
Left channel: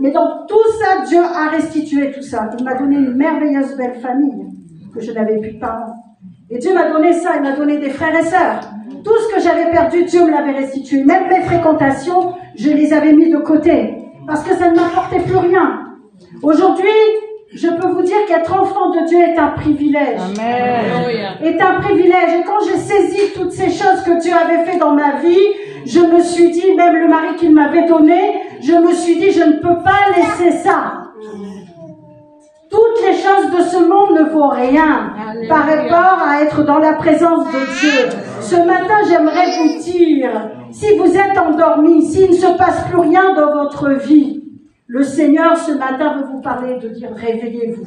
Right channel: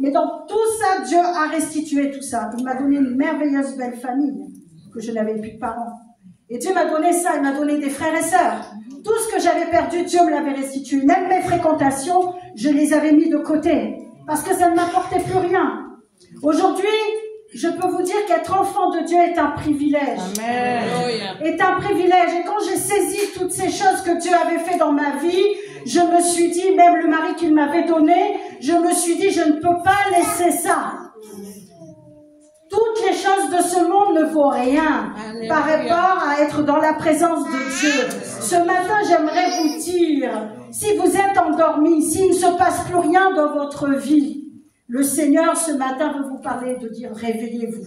Mais dans tout ça, Dieu a restitué tout ça. Il m'a donné une merveilleuse belle famille, que je n'avais plus de parents. Et Dieu m'a donné ça, il m'a donné des frères et sœurs. Tout ce que j'avais perdu, Dieu me l'avait restitué. Même les fréquentations, je les avais mis de côté, parce que ça ne m'apportait plus rien. Aujourd'hui, je peux vous dire qu'être enfant de Dieu est un privilège. Amen. Est un privilège. Et quand j'ai saisi toutes ces choses que Dieu avait fait dans ma vie, je me suis dit, même le mari qu'il m'avait donné, je me suis dit, je ne peux pas laisser ça. Toutes les choses de ce monde ne vaut rien par rapport à être dans la présence de Dieu. Ce matin, j'aimerais vous dire, si vous êtes endormis, s'il ne se passe plus rien dans votre vie, le Seigneur, ce matin, veut vous parler de dire, réveillez-vous.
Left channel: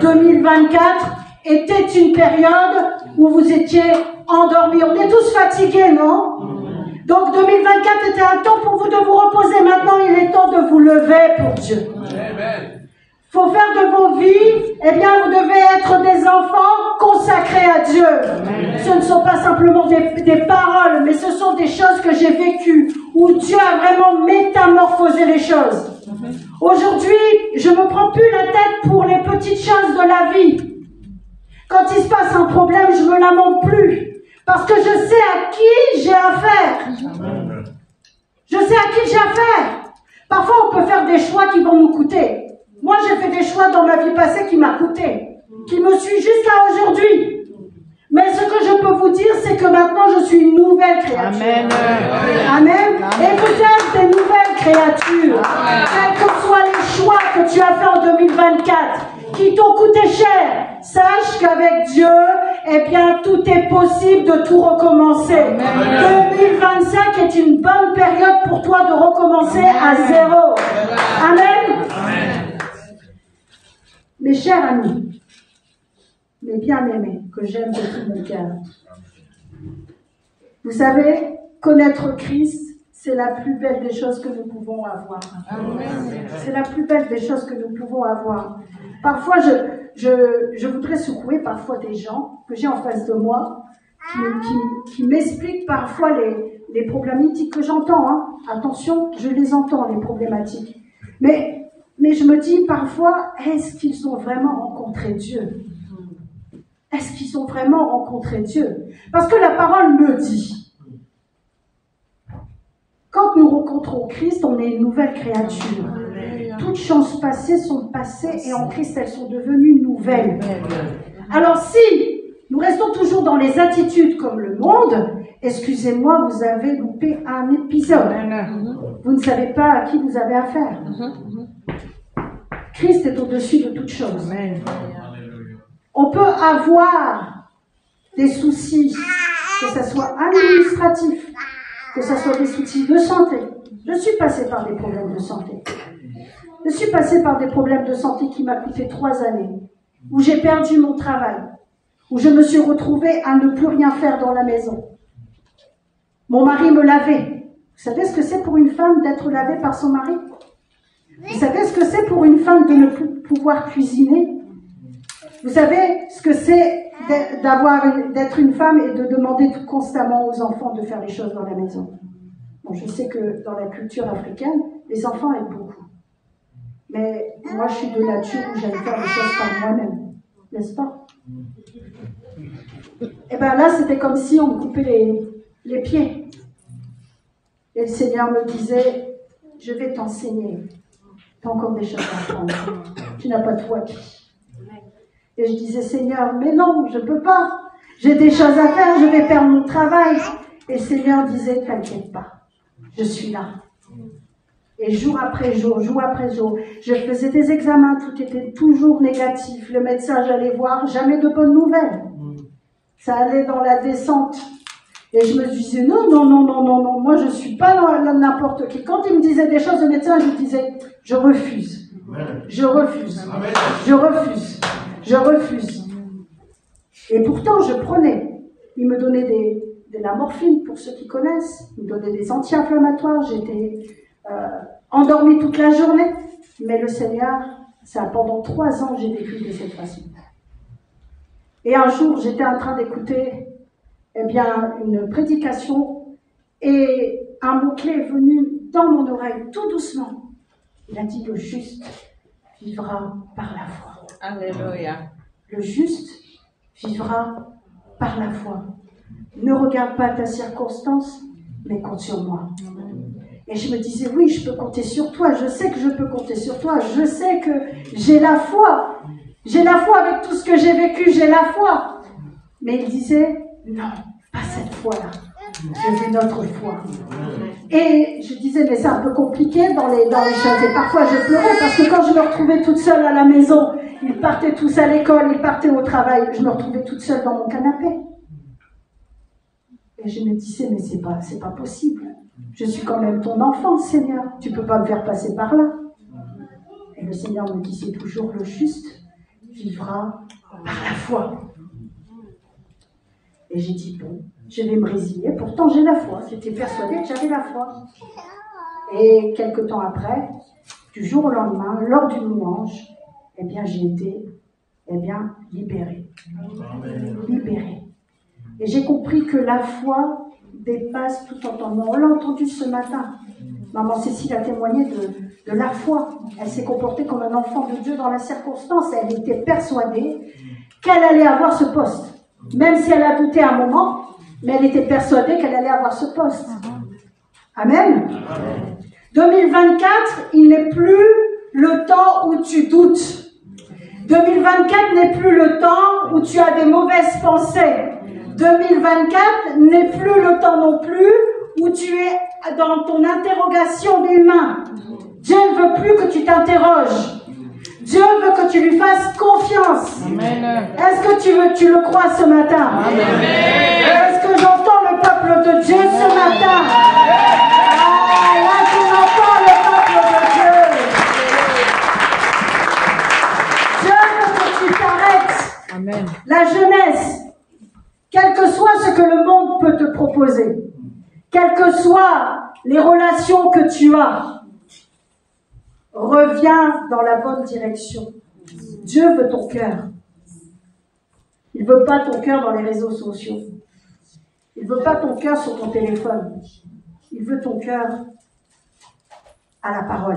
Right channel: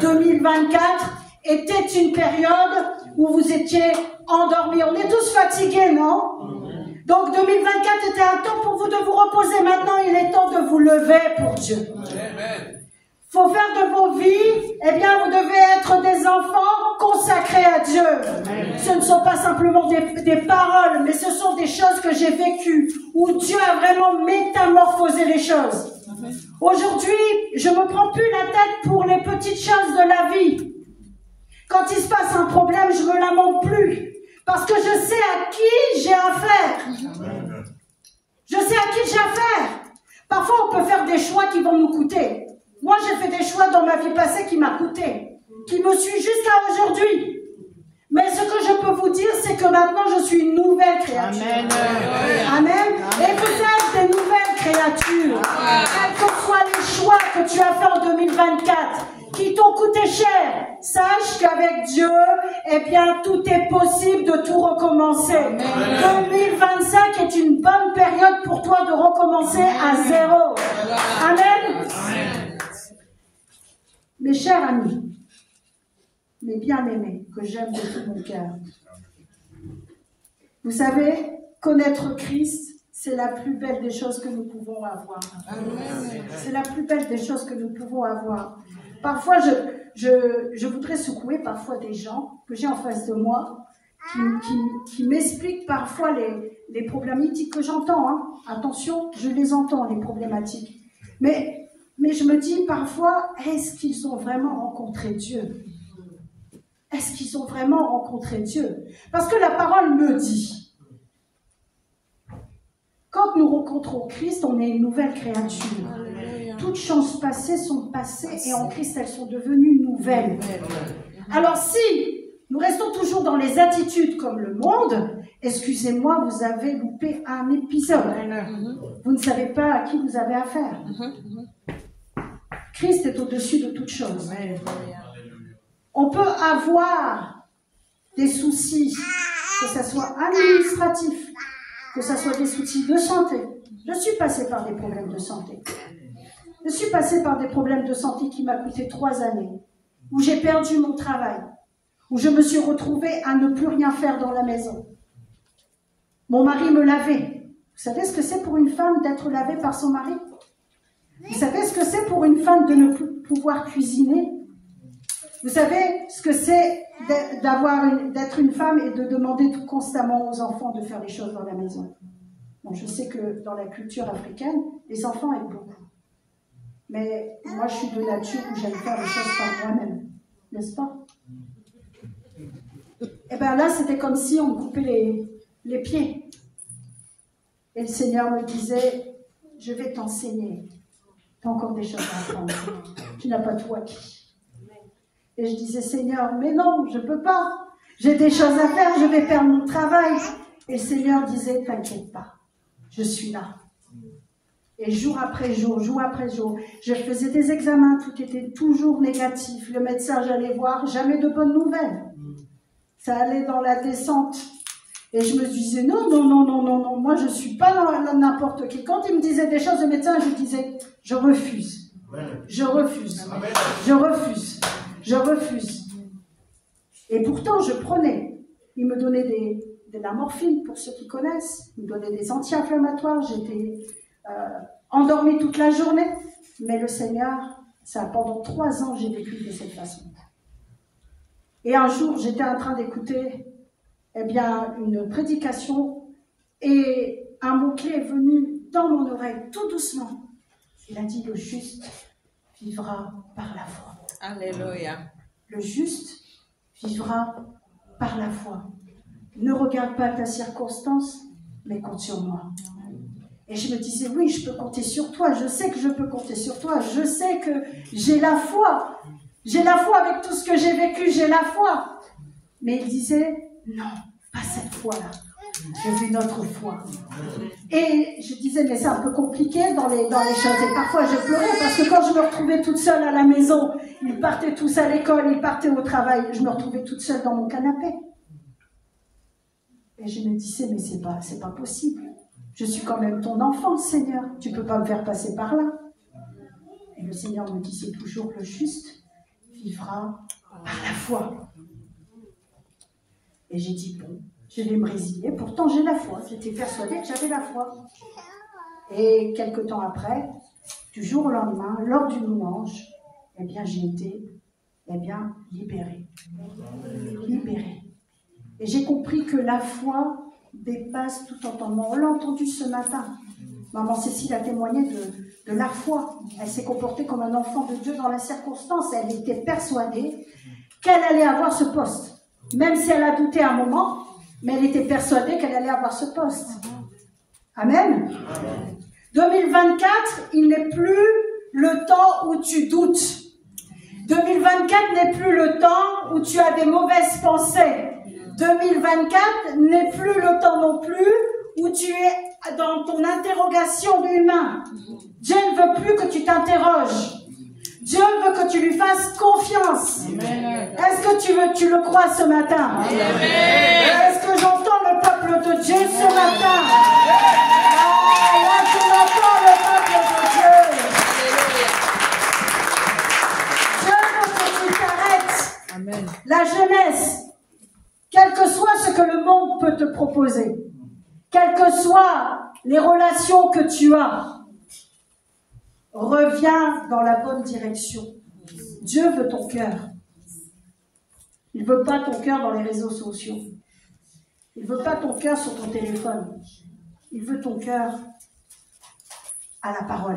2024 était une période où vous étiez endormis. On est tous fatigués, non? Donc 2024 était un temps pour vous de vous reposer. Maintenant, il est temps de vous lever pour Dieu. Il faut faire de vos vies, vous devez être des enfants consacrés à Dieu. Amen. Ce ne sont pas simplement des paroles, mais ce sont des choses que j'ai vécues, où Dieu a vraiment métamorphosé les choses. Aujourd'hui, je ne me prends plus la tête pour les petites choses de la vie. Quand il se passe un problème, je ne me lamente plus. Parce que je sais à qui j'ai affaire. Je sais à qui j'ai affaire. Parfois, on peut faire des choix qui vont nous coûter. Moi, j'ai fait des choix dans ma vie passée qui m'a coûté. Qui me suit jusqu'à aujourd'hui. Mais ce que je peux vous dire, c'est que maintenant, je suis une nouvelle créature. Amen. Amen. Et vous êtes des nouvelles créatures. Quels que soient les choix que tu as fait en 2024, qui t'ont coûté cher, sache qu'avec Dieu, eh bien, tout est possible de tout recommencer. Amen. 2025 est une bonne période pour toi de recommencer à zéro. Amen. Amen. Mes chers amis, mes bien-aimés, que j'aime de tout mon cœur, vous savez, connaître Christ, c'est la plus belle des choses que nous pouvons avoir. C'est la plus belle des choses que nous pouvons avoir. Parfois, je voudrais secouer parfois des gens que j'ai en face de moi qui m'expliquent parfois les problématiques que j'entends. Hein. Attention, je les entends, les problématiques. Mais je me dis parfois, est-ce qu'ils ont vraiment rencontré Dieu? Est-ce qu'ils ont vraiment rencontré Dieu? Parce que la parole me dit, quand nous rencontrons Christ, on est une nouvelle créature. Toutes choses passées sont passées et en Christ, elles sont devenues nouvelles. Alors si nous restons toujours dans les attitudes comme le monde, excusez-moi, vous avez loupé un épisode. Vous ne savez pas à qui vous avez affaire. Christ est au-dessus de toutes choses. On peut avoir des soucis, que ce soit administratif, que ce soit des soucis de santé. Je suis passée par des problèmes de santé. Je suis passée par des problèmes de santé qui m'ont coûté 3 années, où j'ai perdu mon travail, où je me suis retrouvée à ne plus rien faire dans la maison. Mon mari me lavait. Vous savez ce que c'est pour une femme d'être lavée par son mari? Vous savez ce que c'est pour une femme de ne plus pouvoir cuisiner? Vous savez ce que c'est d'être une femme et de demander tout constamment aux enfants de faire les choses dans la maison? Bon, je sais que dans la culture africaine, les enfants aiment beaucoup. Mais moi, je suis de nature où j'aime faire les choses par moi-même. N'est-ce pas? Et bien là, c'était comme si on me coupait les pieds. Et le Seigneur me disait, je vais t'enseigner. Tu as encore des choses à apprendre. Tu n'as pas tout acquis. Et je disais, Seigneur, mais non, je ne peux pas. J'ai des choses à faire, je vais perdre mon travail. Et le Seigneur disait, t'inquiète pas, je suis là. Et jour après jour, je faisais des examens, tout était toujours négatif. Le médecin, j'allais voir, jamais de bonnes nouvelles. Ça allait dans la descente. Et je me disais, non, moi je ne suis pas dans n'importe qui. Quand il me disait des choses, le médecin, je disais, je refuse. Je refuse. Je refuse. Je refuse. Et pourtant, je prenais. Il me donnait de la morphine, pour ceux qui connaissent. Il me donnait des anti-inflammatoires. J'étais endormie toute la journée. Mais le Seigneur, pendant 3 ans, j'ai vécu de cette façon. Et un jour, j'étais en train d'écouter une prédication et un mot-clé est venu dans mon oreille, tout doucement. Il a dit, le juste vivra par la foi. Alléluia. Le juste vivra par la foi. Ne regarde pas ta circonstance, mais compte sur moi. Et je me disais, oui, je peux compter sur toi. Je sais que je peux compter sur toi. Je sais que j'ai la foi. J'ai la foi avec tout ce que j'ai vécu, j'ai la foi. Mais il disait, non, pas cette foi-là. Je veux notre foi. Et je disais, mais c'est un peu compliqué dans les choses. Et parfois, je pleurais parce que quand je me retrouvais toute seule à la maison, ils partaient tous à l'école, ils partaient au travail. Je me retrouvais toute seule dans mon canapé. Et je me disais, mais c'est pas possible. Je suis quand même ton enfant, Seigneur. Tu ne peux pas me faire passer par là. Et le Seigneur me disait toujours, le juste vivra par la foi. Et j'ai dit, bon, je vais me résigner. Pourtant, j'ai la foi. J'étais persuadée que j'avais la foi. Et quelque temps après, du jour au lendemain, lors d'une louange, j'ai été libérée. Libérée. Et j'ai compris que la foi dépasse tout entendement. On l'a entendu ce matin. Maman Cécile a témoigné de la foi. Elle s'est comportée comme un enfant de Dieu dans la circonstance. Elle était persuadée qu'elle allait avoir ce poste. Même si elle a douté un moment, mais elle était persuadée qu'elle allait avoir ce poste. Amen. 2024, il n'est plus le temps où tu doutes. 2024 n'est plus le temps où tu as des mauvaises pensées. 2024 n'est plus le temps non plus où tu es dans ton interrogation humaine. Dieu ne veut plus que tu t'interroges. Dieu veut que tu lui fasses confiance. Est-ce que tu le crois ce matin? Est-ce que j'entends le peuple de Dieu ce matin? Ah, là, tu entends le peuple de Dieu. Dieu veut que tu t'arrêtes. Amen. La jeunesse, quel que soit ce que le monde peut te proposer, quelles que soient les relations que tu as, reviens dans la bonne direction. Dieu veut ton cœur. Il ne veut pas ton cœur dans les réseaux sociaux. Il ne veut pas ton cœur sur ton téléphone. Il veut ton cœur à la parole.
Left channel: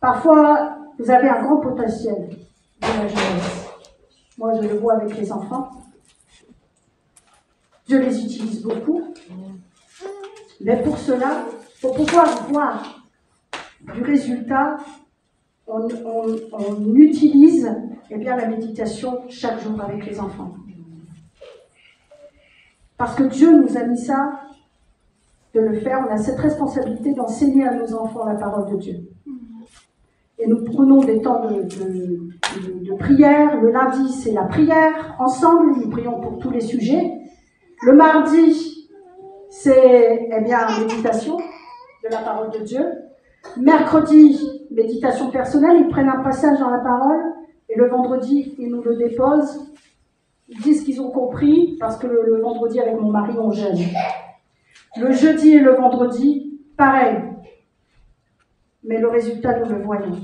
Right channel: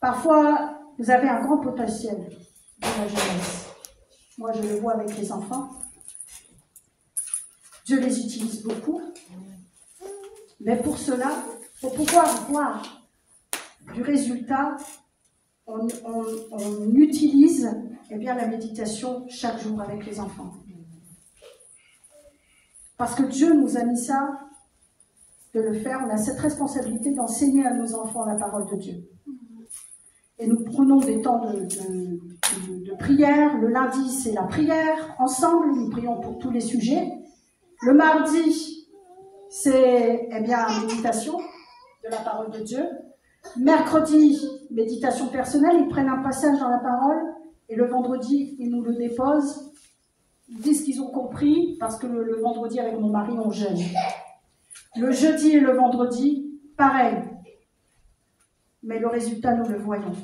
Parfois, vous avez un grand potentiel dans la jeunesse. Moi, je le vois avec les enfants. Je les utilise beaucoup. Mais pour cela, pour pouvoir voir du résultat, on utilise la méditation chaque jour avec les enfants. Parce que Dieu nous a mis ça, de le faire. On a cette responsabilité d'enseigner à nos enfants la parole de Dieu. Et nous prenons des temps de prière. Le lundi, c'est la prière. Ensemble, nous prions pour tous les sujets. Le mardi, c'est méditation de la parole de Dieu. Mercredi, méditation personnelle, ils prennent un passage dans la parole, et le vendredi, ils nous le déposent. Ils disent qu'ils ont compris, parce que le vendredi, avec mon mari, on jeûne. Le jeudi et le vendredi, pareil. Mais le résultat, nous le voyons.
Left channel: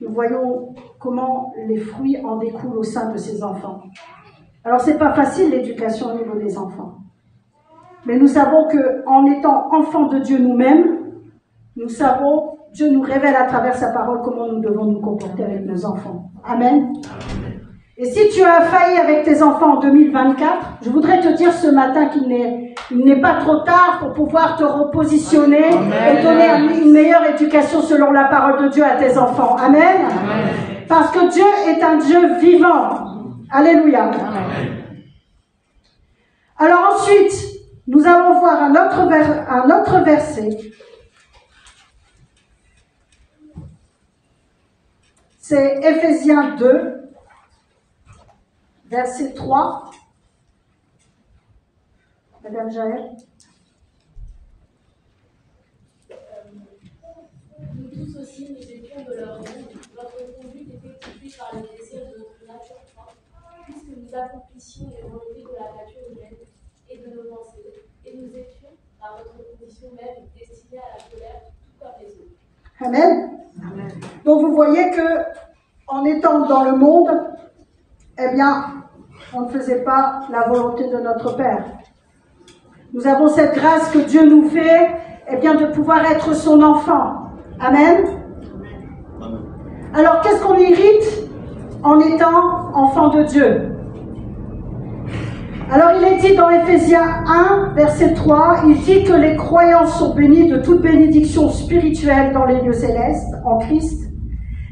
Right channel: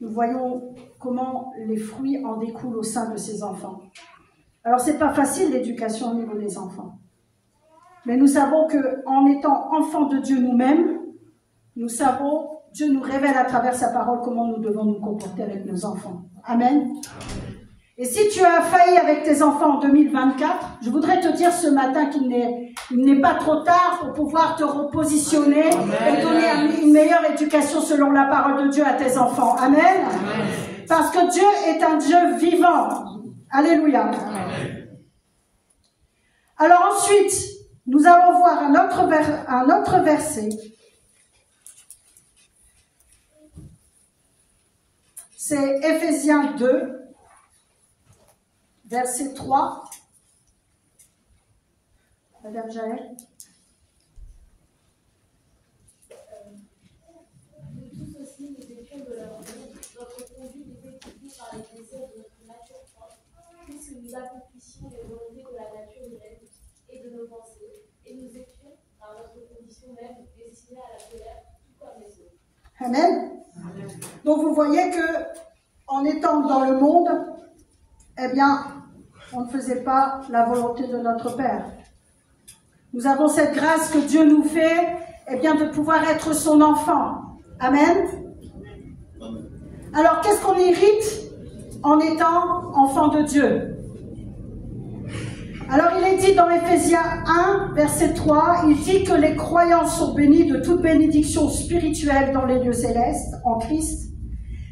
Nous voyons comment les fruits en découlent au sein de ces enfants. Alors, c'est pas facile, l'éducation au niveau des enfants. Mais nous savons qu'en étant enfants de Dieu nous-mêmes, nous savons, Dieu nous révèle à travers sa parole comment nous devons nous comporter avec nos enfants. Amen. Et si tu as failli avec tes enfants en 2024, je voudrais te dire ce matin qu'il n'est pas trop tard pour pouvoir te repositionner et donner une meilleure éducation selon la parole de Dieu à tes enfants. Amen. Parce que Dieu est un Dieu vivant. Alléluia. Alors ensuite, nous allons voir un autre verset. C'est Éphésiens 2, verset 3. Madame Jaël. Nous tous aussi, nous étions de leur monde. Notre conduite était poursuivie par les désirs de notre nature propre, puisque nous accomplissions les volontés de la nature humaine et de nos pensées, et nous étions, par notre condition même, destinés à la colère, tout comme les autres. Amen. Donc vous voyez que en étant dans le monde, on ne faisait pas la volonté de notre Père. Nous avons cette grâce que Dieu nous fait, de pouvoir être son enfant. Amen. Alors qu'est-ce qu'on hérite en étant enfant de Dieu? Alors il est dit dans Éphésiens 1, verset 3, il dit que les croyants sont bénis de toute bénédiction spirituelle dans les lieux célestes, en Christ.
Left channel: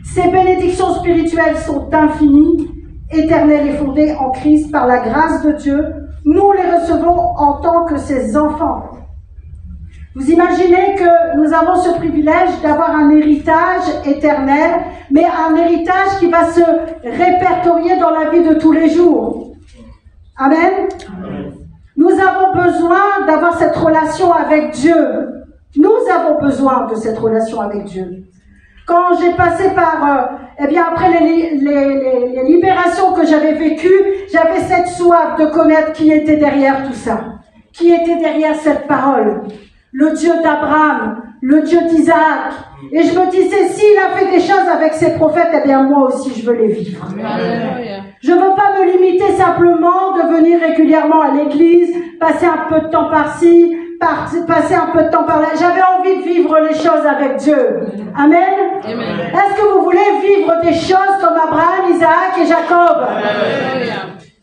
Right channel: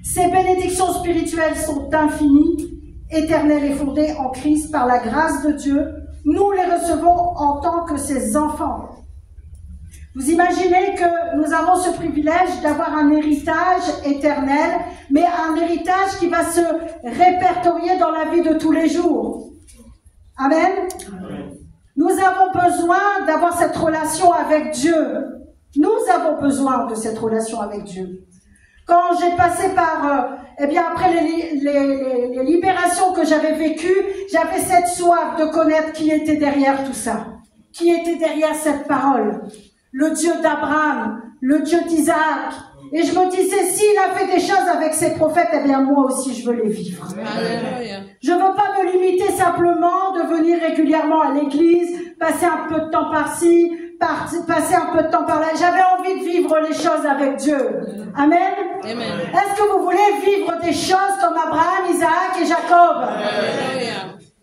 Ces bénédictions spirituelles sont infinies, éternelles et fondées en Christ par la grâce de Dieu. Nous les recevons en tant que ses enfants. Vous imaginez que nous avons ce privilège d'avoir un héritage éternel, mais un héritage qui va se répertorier dans la vie de tous les jours. Amen. Nous avons besoin d'avoir cette relation avec Dieu. Nous avons besoin de cette relation avec Dieu. Quand j'ai passé par, après les libérations que j'avais vécues, j'avais cette soif de connaître qui était derrière tout ça. Qui était derrière cette parole. Le Dieu d'Abraham, le Dieu d'Isaac. Et je me disais, s'il a fait des choses avec ses prophètes, moi aussi je veux les vivre. Je ne veux pas me limiter simplement de venir régulièrement à l'église, passer un peu de temps par-ci, passer un peu de temps par-là. J'avais envie de vivre les choses avec Dieu. Amen. Est-ce que vous voulez vivre des choses comme Abraham, Isaac et Jacob?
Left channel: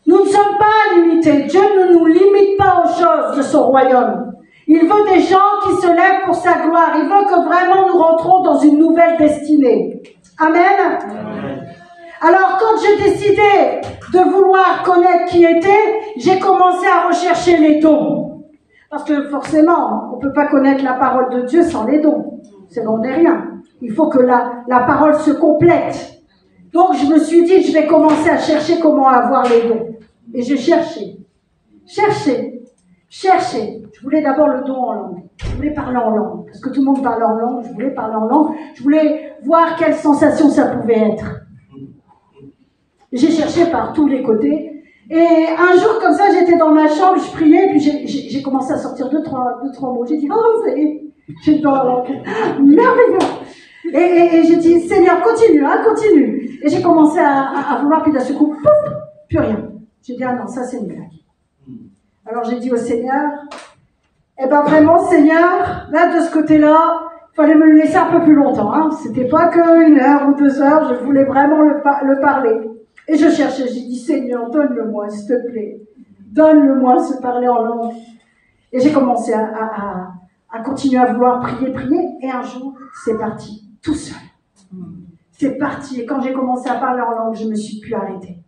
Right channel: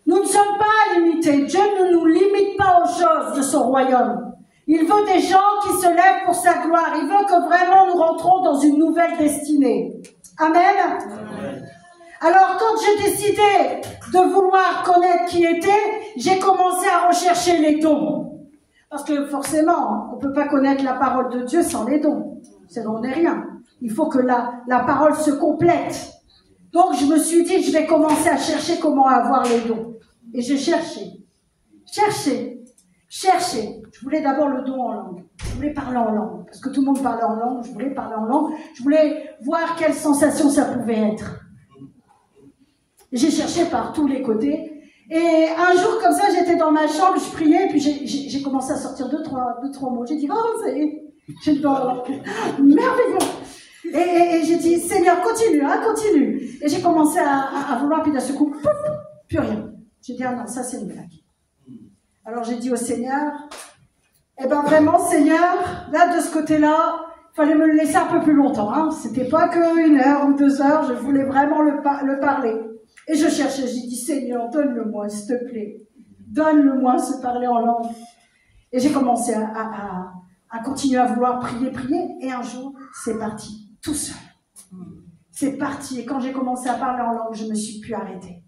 Nous ne sommes pas limités. Dieu ne nous limite pas aux choses de son royaume. Il veut des gens qui se lèvent pour sa gloire. Il veut que vraiment nous rentrons dans une nouvelle destinée. Amen. Alors, quand j'ai décidé de vouloir connaître qui était, j'ai commencé à rechercher les dons. Parce que forcément, on ne peut pas connaître la parole de Dieu sans les dons. C'est don n'est rien. Il faut que la parole se complète. Donc je me suis dit, je vais commencer à chercher comment avoir les dons. Et j'ai cherché. Je voulais d'abord le don en langue. Je voulais parler en langue. Parce que tout le monde parlait en langue. Je voulais parler en langue. Je voulais voir quelle sensation ça pouvait être. J'ai cherché par tous les côtés. Et un jour, comme ça, j'étais dans ma chambre, je priais, et puis j'ai commencé à sortir deux, trois mots. J'ai dit, oh, ça y est, j'ai le don en langue. Merveilleux. Et j'ai dit, Seigneur, continue. Et j'ai commencé à vouloir, puis d'un seul coup, pouf, plus rien. J'ai dit, ah non, ça c'est une blague. Alors j'ai dit au Seigneur, eh ben vraiment Seigneur, là de ce côté-là, il fallait me le laisser un peu plus longtemps. Hein. C'était pas que 1 heure ou 2 heures, je voulais vraiment le parler. Et je cherchais, j'ai dit Seigneur, donne-le-moi s'il te plaît. Donne-le-moi se parler en langue. Et j'ai commencé à continuer à vouloir prier. Et un jour, c'est parti, tout seul. C'est parti. Et quand j'ai commencé à parler en langue, je ne me suis plus arrêtée.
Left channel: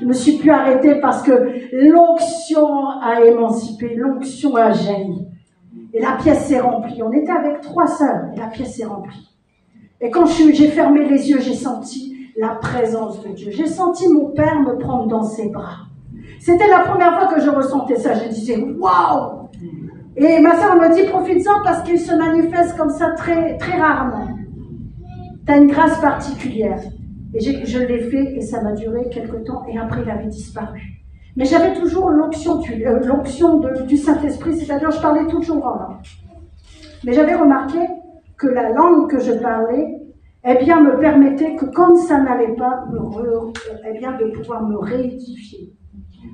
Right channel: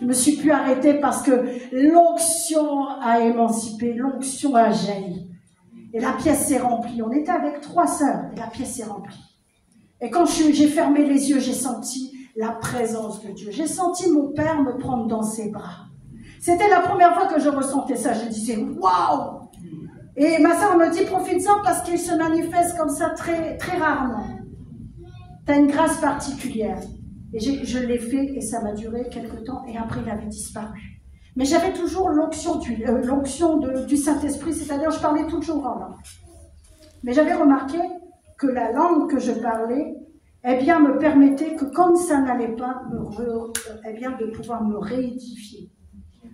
Je me suis plus arrêtée parce que l'onction a émancipé, l'onction a jailli. Et la pièce s'est remplie. On était avec 3 sœurs et la pièce s'est remplie. Et quand j'ai fermé les yeux, j'ai senti la présence de Dieu. J'ai senti mon Père me prendre dans ses bras. C'était la première fois que je ressentais ça. Je disais, waouh! Et ma sœur me dit, profite-en parce qu'il se manifeste comme ça très, très rarement. Tu as une grâce particulière. Et je l'ai fait et ça m'a duré quelque temps et après il avait disparu. Mais j'avais toujours l'onction du Saint-Esprit, c'est-à-dire je parlais toujours en langue. Mais j'avais remarqué que la langue que je parlais, eh bien, me permettait que quand ça n'allait pas, de pouvoir me réédifier.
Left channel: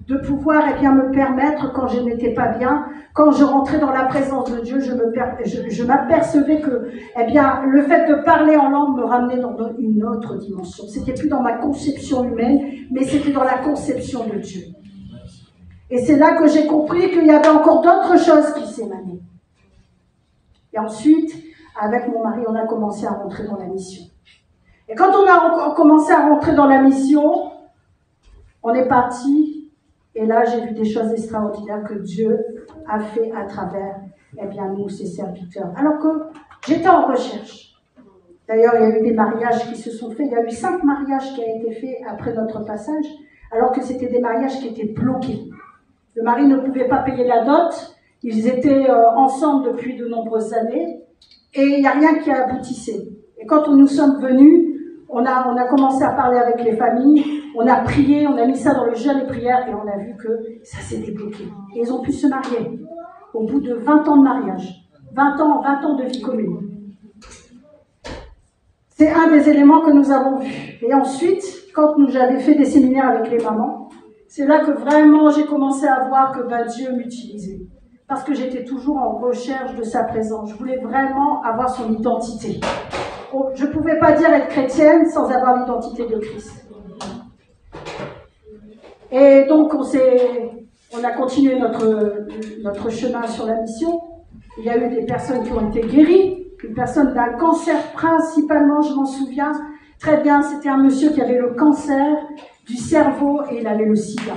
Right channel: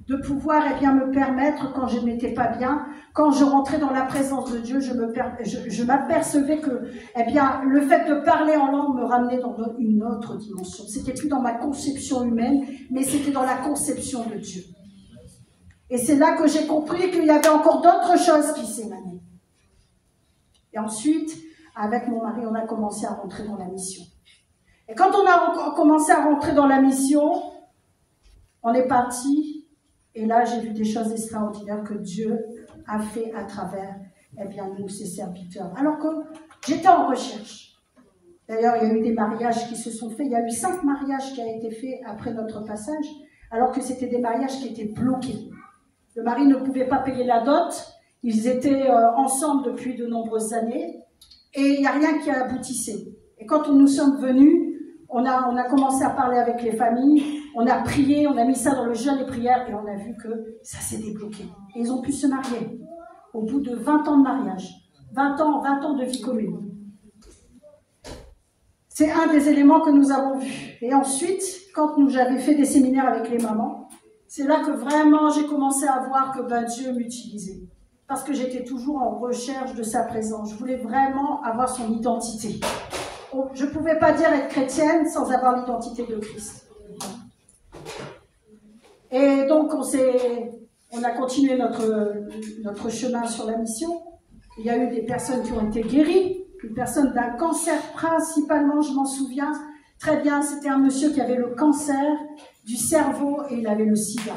De pouvoir me permettre, quand je n'étais pas bien, quand je rentrais dans la présence de Dieu, je m'apercevais que le fait de parler en langue me ramenait dans une autre dimension. C'était plus dans ma conception humaine, mais c'était dans la conception de Dieu. Et c'est là que j'ai compris qu'il y avait encore d'autres choses qui s'émanaient. Et ensuite, avec mon mari, on a commencé à rentrer dans la mission. Et quand on a commencé à rentrer dans la mission, on est parti. Et là, j'ai vu des choses extraordinaires que Dieu a fait à travers, nous, ses serviteurs. Alors que j'étais en recherche. D'ailleurs, il y a eu des mariages qui se sont faits. Il y a eu 5 mariages qui ont été faits après notre passage, alors que c'était des mariages qui étaient bloqués. Le mari ne pouvait pas payer la dot. Ils étaient ensemble depuis de nombreuses années. Et il n'y a rien qui aboutissait. Et quand nous sommes venus, on a commencé à parler avec les familles, on a prié, on a mis ça dans le jeûne et prière et on a vu que ça s'est débloqué. Et ils ont pu se marier au bout de 20 ans de mariage, 20 ans de vie commune. C'est un des éléments que nous avons vus. Et ensuite, quand j'avais fait des séminaires avec les mamans, c'est là que vraiment j'ai commencé à voir que Dieu m'utilisait. Parce que j'étais toujours en recherche de sa présence. Je voulais vraiment avoir son identité. Je ne pouvais pas dire être chrétienne sans avoir l'identité de Christ. Et donc, on a continué notre chemin sur la mission. Il y a eu des personnes qui ont été guéries. Une personne d'un cancer principalement, je m'en souviens très bien. C'était un monsieur qui avait le cancer du cerveau et il avait le sida.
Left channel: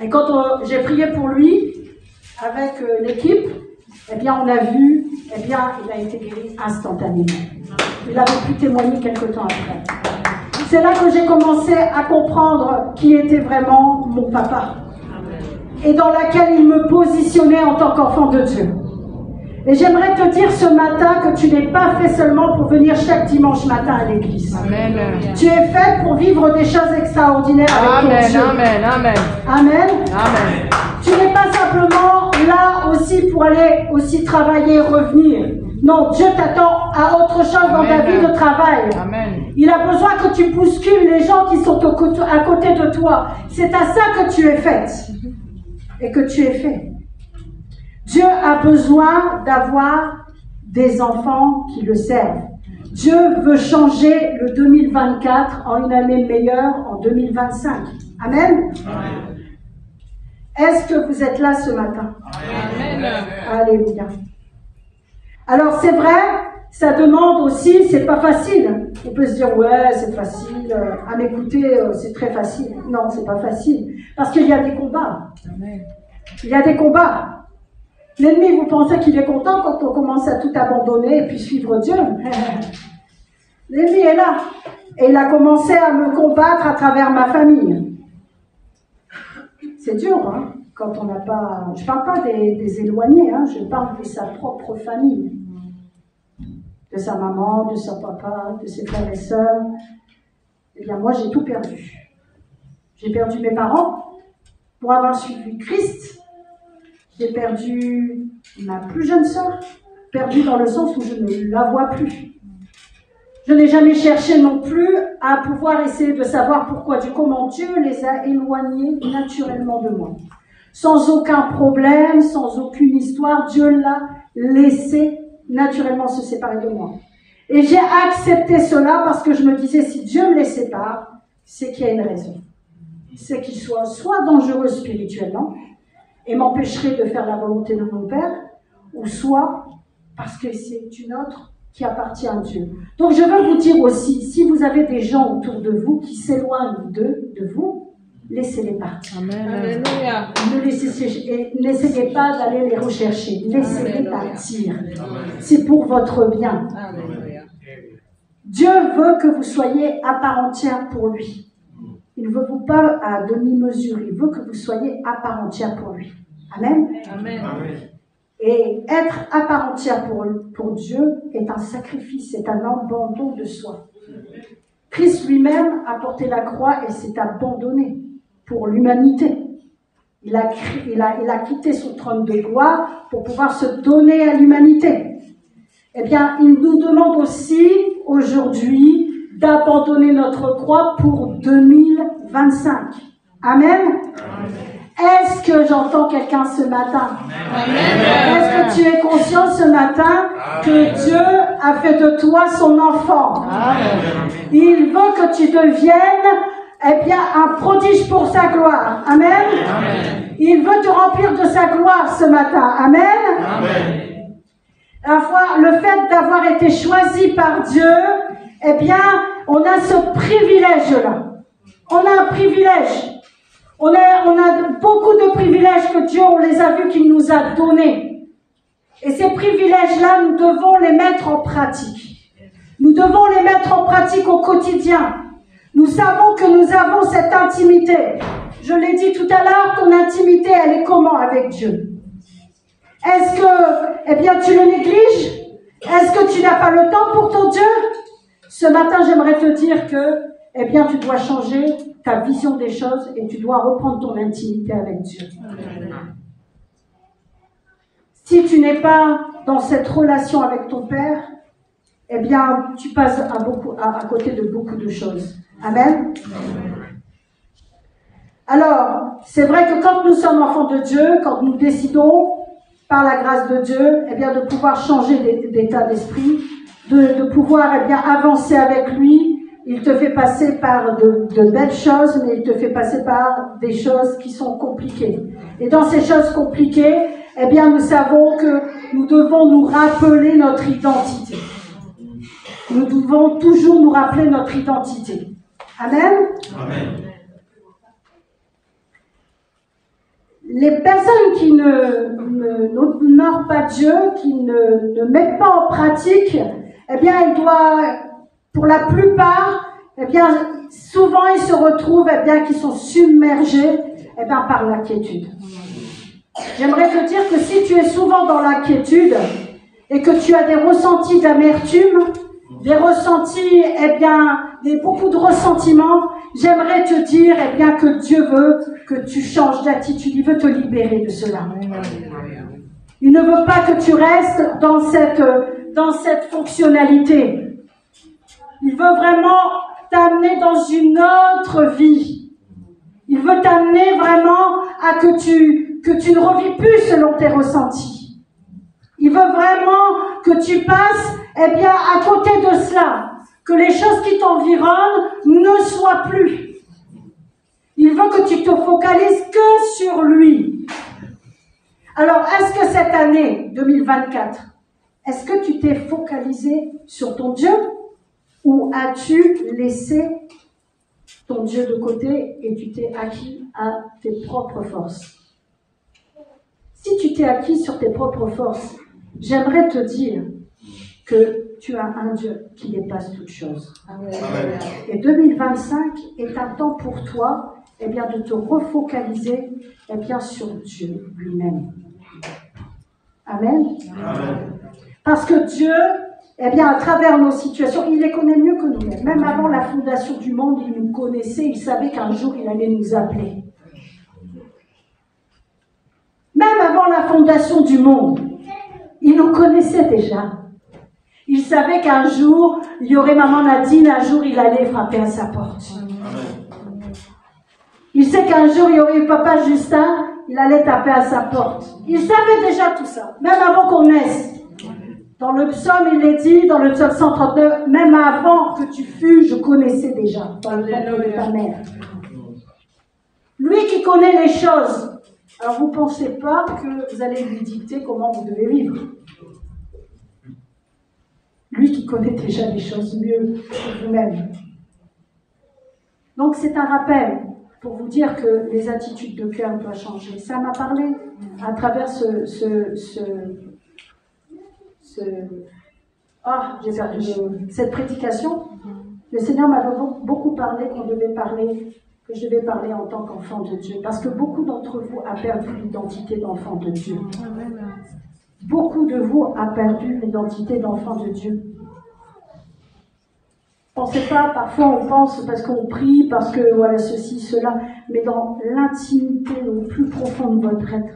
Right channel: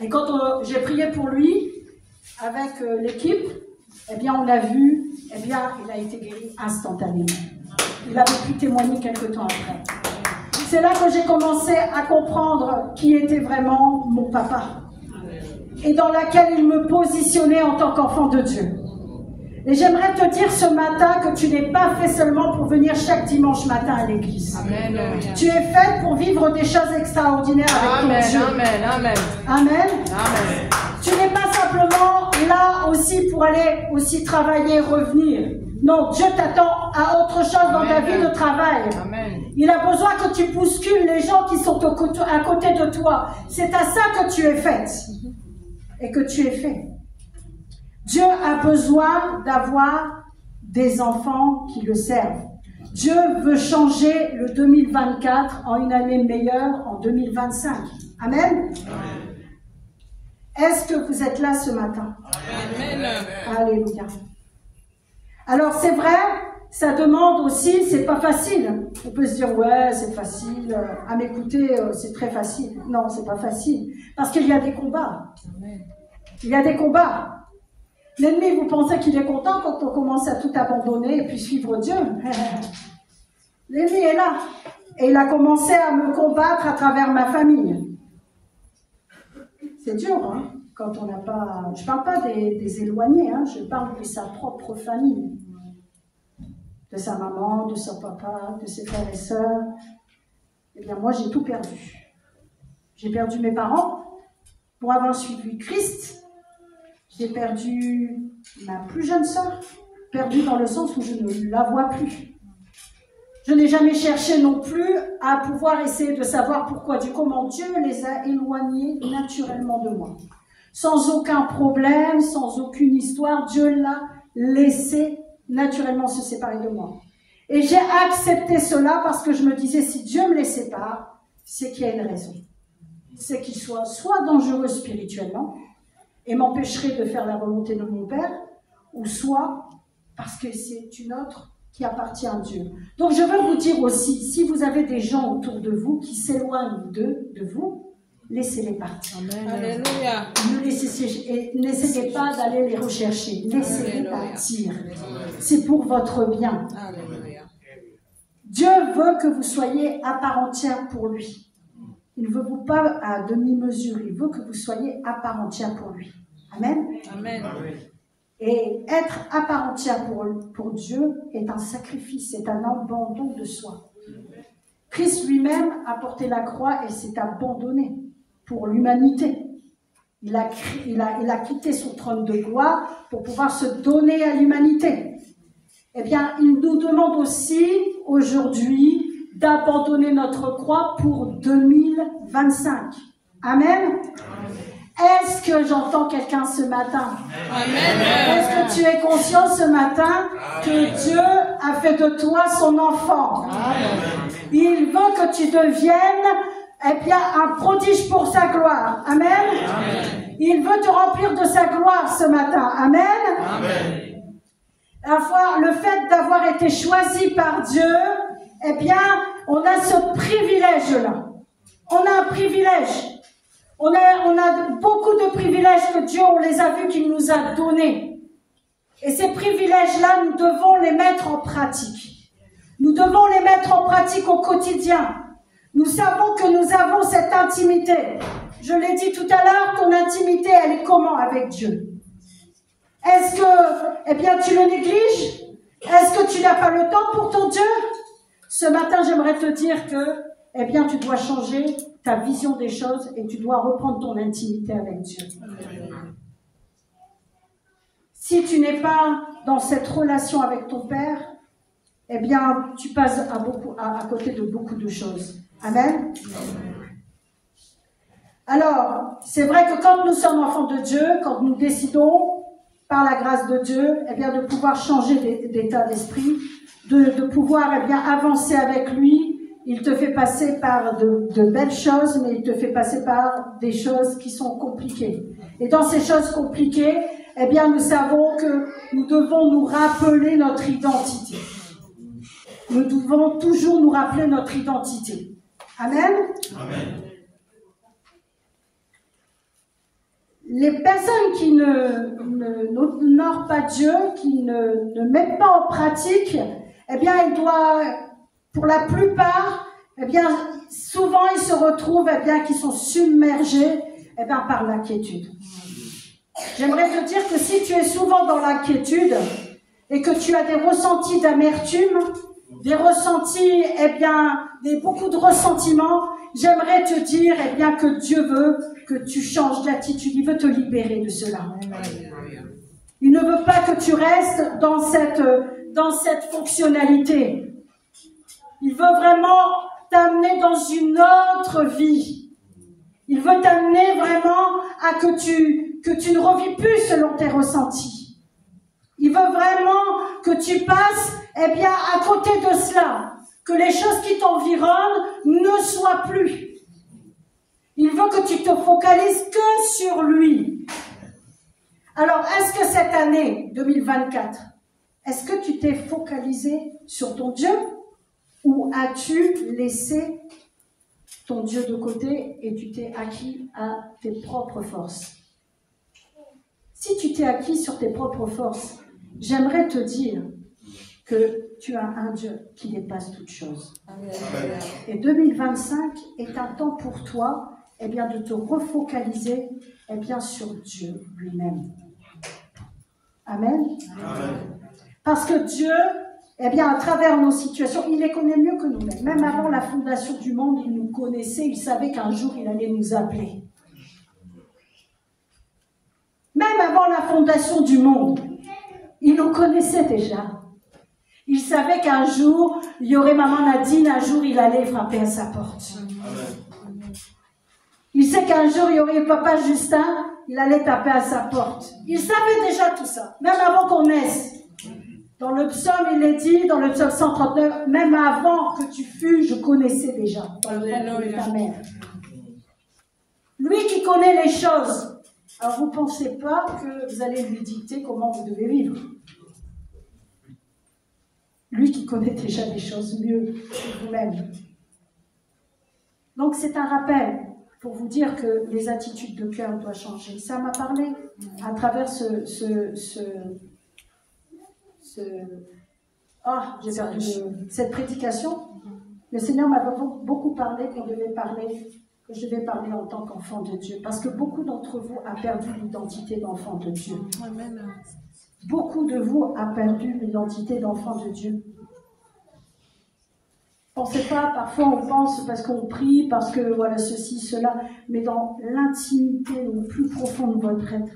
Et quand j'ai prié pour lui, avec l'équipe, on a vu, il a été guéri instantanément. Il avait pu témoigner quelque temps après. C'est là que j'ai commencé à comprendre qui était vraiment mon papa. Et dans laquelle il me positionnait en tant qu'enfant de Dieu. Et j'aimerais te dire ce matin que tu n'es pas fait seulement pour venir chaque dimanche matin à l'église. Amen. Tu es fait pour vivre des choses extraordinaires avec ton Dieu. Amen, amen. Amen. Amen. Tu n'es pas simplement là aussi pour aller aussi travailler et revenir. Non, Dieu t'attend à autre chose dans ta vie de travail. Amen. Il a besoin que tu bouscules les gens qui sont à côté de toi. C'est à ça que tu es faite et que tu es fait. Dieu a besoin d'avoir des enfants qui le servent. Dieu veut changer le 2024 en une année meilleure en 2025. Amen. Est-ce que vous êtes là ce matin? Amen. Alléluia. Alors c'est vrai, ça demande aussi, c'est pas facile. On peut se dire, ouais, c'est facile, à m'écouter, c'est très facile. Non, c'est pas facile. Parce qu'il y a des combats. Il y a des combats. L'ennemi, vous pensez qu'il est content quand on commence à tout abandonner et puis suivre Dieu? L'ennemi est là. Et il a commencé à me combattre à travers ma famille. C'est dur, hein, quand on n'a pas... Je ne parle pas des éloignés, hein, je parle de sa propre famille. De sa maman, de son papa, de ses frères et sœurs. Eh bien, moi, j'ai tout perdu. J'ai perdu mes parents pour avoir suivi Christ. J'ai perdu ma plus jeune sœur, perdue dans le sens où je ne la vois plus. Je n'ai jamais cherché non plus à pouvoir essayer de savoir pourquoi, comment Dieu les a éloignés naturellement de moi. Sans aucun problème, sans aucune histoire, Dieu l'a laissé naturellement se séparer de moi. Et j'ai accepté cela parce que je me disais, si Dieu me les sépare, c'est qu'il y a une raison. C'est qu'il soit dangereux spirituellement et m'empêcherait de faire la volonté de mon Père, ou soit parce que c'est une autre qui appartient à Dieu. Donc je veux vous dire aussi, si vous avez des gens autour de vous qui s'éloignent de vous, laissez-les partir. Alléluia. N'essayez pas d'aller les rechercher. Laissez-les partir. C'est pour votre bien. Alléluia. Dieu veut que vous soyez à part entière pour lui. Il ne veut vous pas à demi-mesure. Il veut que vous soyez à part entière pour lui. Amen. Amen. Et être à part entière pour Dieu est un sacrifice, c'est un abandon de soi. Christ lui-même a porté la croix et s'est abandonné pour l'humanité. Il a quitté son trône de gloire pour pouvoir se donner à l'humanité. Eh bien, il nous demande aussi aujourd'hui d'abandonner notre croix pour 2025. Amen. Est-ce que j'entends quelqu'un ce matin? Est-ce que tu es conscient ce matin que Dieu a fait de toi son enfant? Il veut que tu deviennes un prodige pour sa gloire. Amen. Il veut te remplir de sa gloire ce matin. Amen. La fois, le fait d'avoir été choisi par Dieu, on a ce privilège-là. On a un privilège. On a beaucoup de privilèges que Dieu, on les a vus qu'il nous a donnés. Et ces privilèges-là, nous devons les mettre en pratique. Nous devons les mettre en pratique au quotidien. Nous savons que nous avons cette intimité. Je l'ai dit tout à l'heure, ton intimité, elle est comment avec Dieu? Est-ce que, tu le négliges? Est-ce que tu n'as pas le temps pour ton Dieu? Ce matin, j'aimerais te dire que, tu dois changer ta vision des choses et tu dois reprendre ton intimité avec Dieu. Si tu n'es pas dans cette relation avec ton Père, tu passes à côté de beaucoup de choses. Amen. Alors, c'est vrai que quand nous sommes enfants de Dieu, quand nous décidons, par la grâce de Dieu, de pouvoir changer d'état d'esprit, de pouvoir avancer avec lui, il te fait passer par de belles choses, mais il te fait passer par des choses qui sont compliquées. Et dans ces choses compliquées, nous savons que nous devons nous rappeler notre identité. Nous devons toujours nous rappeler notre identité. Amen. Amen. Les personnes qui n'honorent pas Dieu, qui ne mettent pas en pratique, elles doivent, pour la plupart, souvent ils se retrouvent, qui sont submergés, par l'inquiétude. J'aimerais te dire que si tu es souvent dans l'inquiétude et que tu as des ressentis d'amertume, des ressentis, beaucoup de ressentiments, j'aimerais te dire, que Dieu veut que tu changes d'attitude. Il veut te libérer de cela. Il ne veut pas que tu restes dans cette fonctionnalité. Il veut vraiment t'amener dans une autre vie. Il veut t'amener vraiment à que tu ne revis plus selon tes ressentis. Il veut vraiment que tu passes, à côté de cela, que les choses qui t'environnent ne soient plus. Il veut que tu te focalises que sur lui. Alors, est-ce que cette année 2024, Est-ce que tu t'es focalisé sur ton Dieu ou as-tu laissé ton Dieu de côté et tu t'es acquis à tes propres forces? Si tu t'es acquis sur tes propres forces, j'aimerais te dire que tu as un Dieu qui dépasse toute chose. Amen. Et 2025 est un temps pour toi de te refocaliser sur Dieu lui-même. Amen. Amen. Parce que Dieu, à travers nos situations, il les connaît mieux que nous-mêmes. Même avant la fondation du monde, il nous connaissait, il savait qu'un jour, il allait nous appeler. Même avant la fondation du monde, il nous connaissait déjà. Il savait qu'un jour, il y aurait maman Nadine, un jour, il allait frapper à sa porte. Il sait qu'un jour, il y aurait papa Justin, il allait taper à sa porte. Il savait déjà tout ça, même avant qu'on naisse. Dans le psaume, il est dit, dans le psaume 139, même avant que tu fus, je connaissais déjà, dans le ventre de ta mère. Lui qui connaît les choses. Alors, vous ne pensez pas que vous allez lui dicter comment vous devez vivre. Lui qui connaît déjà les choses mieux que vous-même. Donc, c'est un rappel pour vous dire que les attitudes de cœur doivent changer. Ça m'a parlé à travers cette prédication. Le Seigneur m'avait beaucoup parlé que je devais parler en tant qu'enfant de Dieu. Parce que beaucoup d'entre vous a perdu l'identité d'enfant de Dieu. Beaucoup de vous a perdu l'identité d'enfant de Dieu. Pensez pas, parfois on pense parce qu'on prie, parce que voilà ceci, cela, mais dans l'intimité le plus profond de votre être,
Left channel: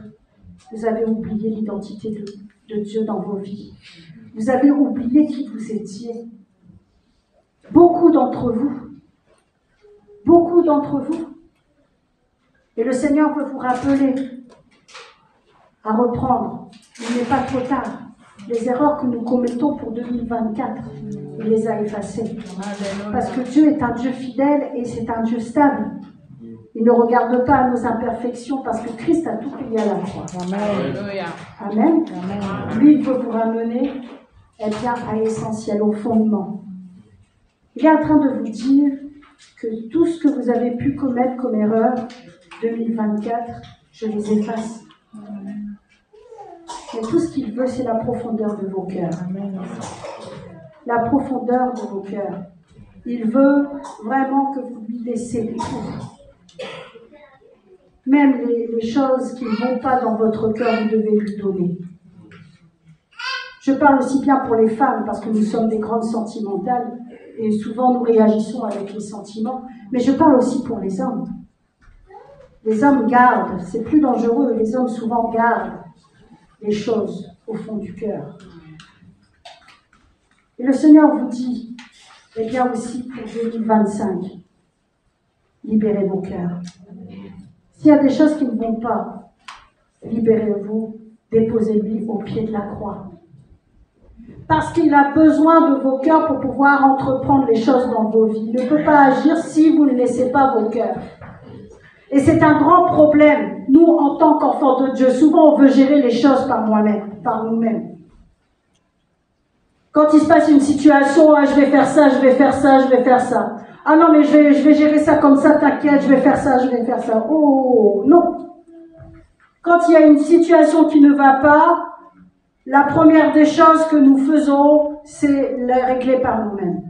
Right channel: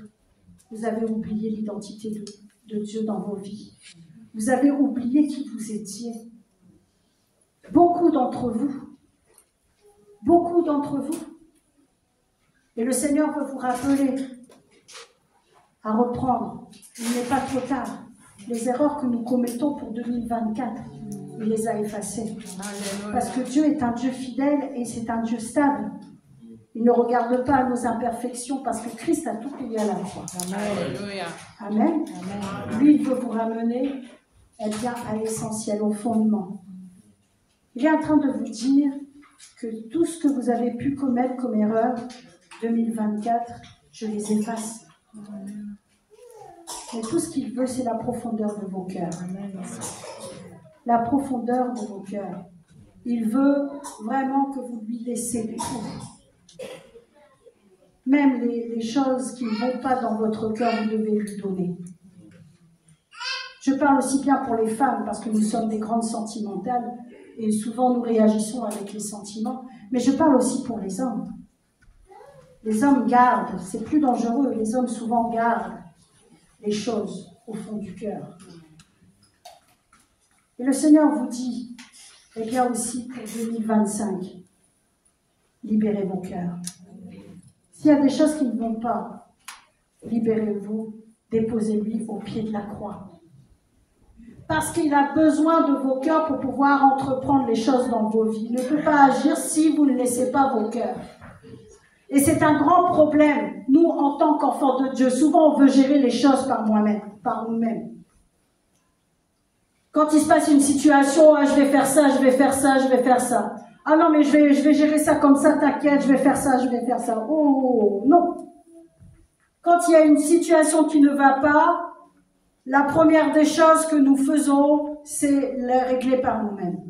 vous avez oublié l'identité de Dieu dans vos vies. Vous avez oublié qui vous étiez. Beaucoup d'entre vous. Et le Seigneur veut vous rappeler à reprendre. Il n'est pas trop tard. Les erreurs que nous commettons pour 2024, il les a effacées. Parce que Dieu est un Dieu fidèle et c'est un Dieu stable. Il ne regarde pas à nos imperfections parce que Christ a tout payé à la croix. Amen. Lui, il veut vous ramener à l'essentiel, au fondement. Il est en train de vous dire que tout ce que vous avez pu commettre comme erreur, 2024, je les efface. Mais tout ce qu'il veut, c'est la profondeur de vos cœurs. La profondeur de vos cœurs. Il veut vraiment que vous lui laissiez tout. Même les choses qui ne vont pas dans votre cœur, vous devez lui donner. Je parle aussi bien pour les femmes, parce que nous sommes des grandes sentimentales, et souvent nous réagissons avec les sentiments, mais je parle aussi pour les hommes. Les hommes gardent, c'est plus dangereux, les hommes souvent gardent les choses au fond du cœur. Et le Seigneur vous dit, aussi pour 2025, libérez vos cœurs. S'il y a des choses qui ne vont pas, libérez-vous, déposez-lui au pied de la croix. Parce qu'il a besoin de vos cœurs pour pouvoir entreprendre les choses dans vos vies. Il ne peut pas agir si vous ne laissez pas vos cœurs. Et c'est un grand problème. Nous, en tant qu'enfants de Dieu, souvent on veut gérer les choses par nous-mêmes. Quand il se passe une situation, je vais faire ça, je vais faire ça, je vais faire ça. Ah non, mais je vais gérer ça comme ça, t'inquiète, je vais faire ça, je vais faire ça. Oh, non. Quand il y a une situation qui ne va pas, la première des choses que nous faisons, c'est la régler par nous-mêmes.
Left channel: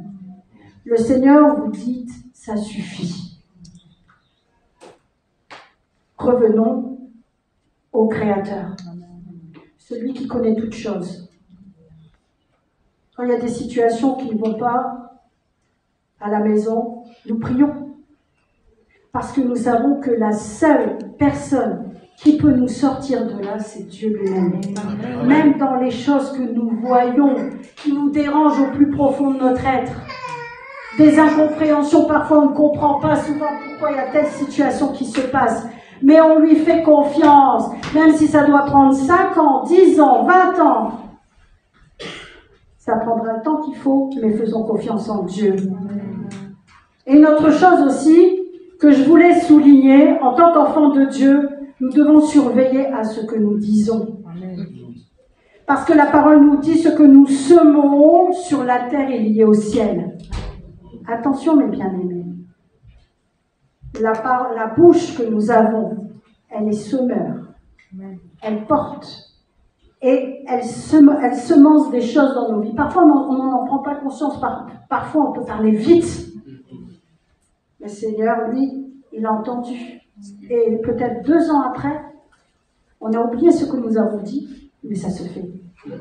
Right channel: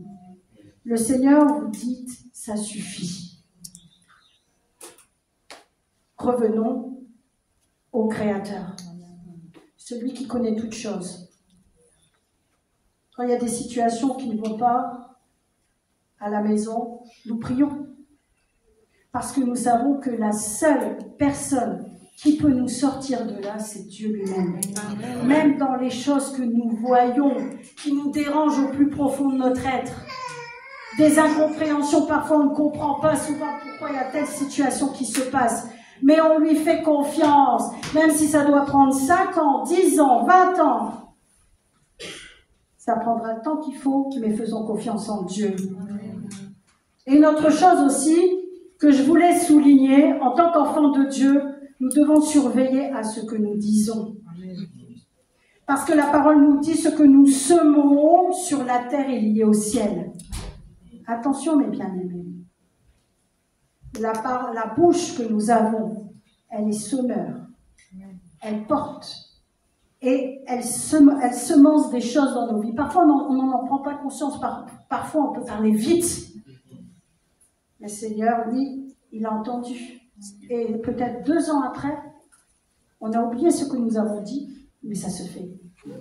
Le Seigneur vous dit, ça suffit. Revenons au Créateur, celui qui connaît toutes choses. Quand il y a des situations qui ne vont pas à la maison, nous prions. Parce que nous savons que la seule personne qui peut nous sortir de là, c'est Dieu lui-même. Même dans les choses que nous voyons, qui nous dérangent au plus profond de notre être. Des incompréhensions, parfois on ne comprend pas souvent pourquoi il y a telle situation qui se passe. Mais on lui fait confiance, même si ça doit prendre 5 ans, 10 ans, 20 ans. Ça prendra le temps qu'il faut, mais faisons confiance en Dieu. Et une autre chose aussi, que je voulais souligner, en tant qu'enfants de Dieu, nous devons surveiller à ce que nous disons. Parce que la parole nous dit ce que nous semons sur la terre est lié au ciel. Attention mes bien-aimés. La bouche que nous avons, elle est semeur. Elle porte. Et elle semence des choses dans nos vies. Parfois, on n'en prend pas conscience. Parfois, on peut parler vite. Le Seigneur, lui, il a entendu. Et peut-être 2 ans après, on a oublié ce que nous avons dit, mais ça se fait. Il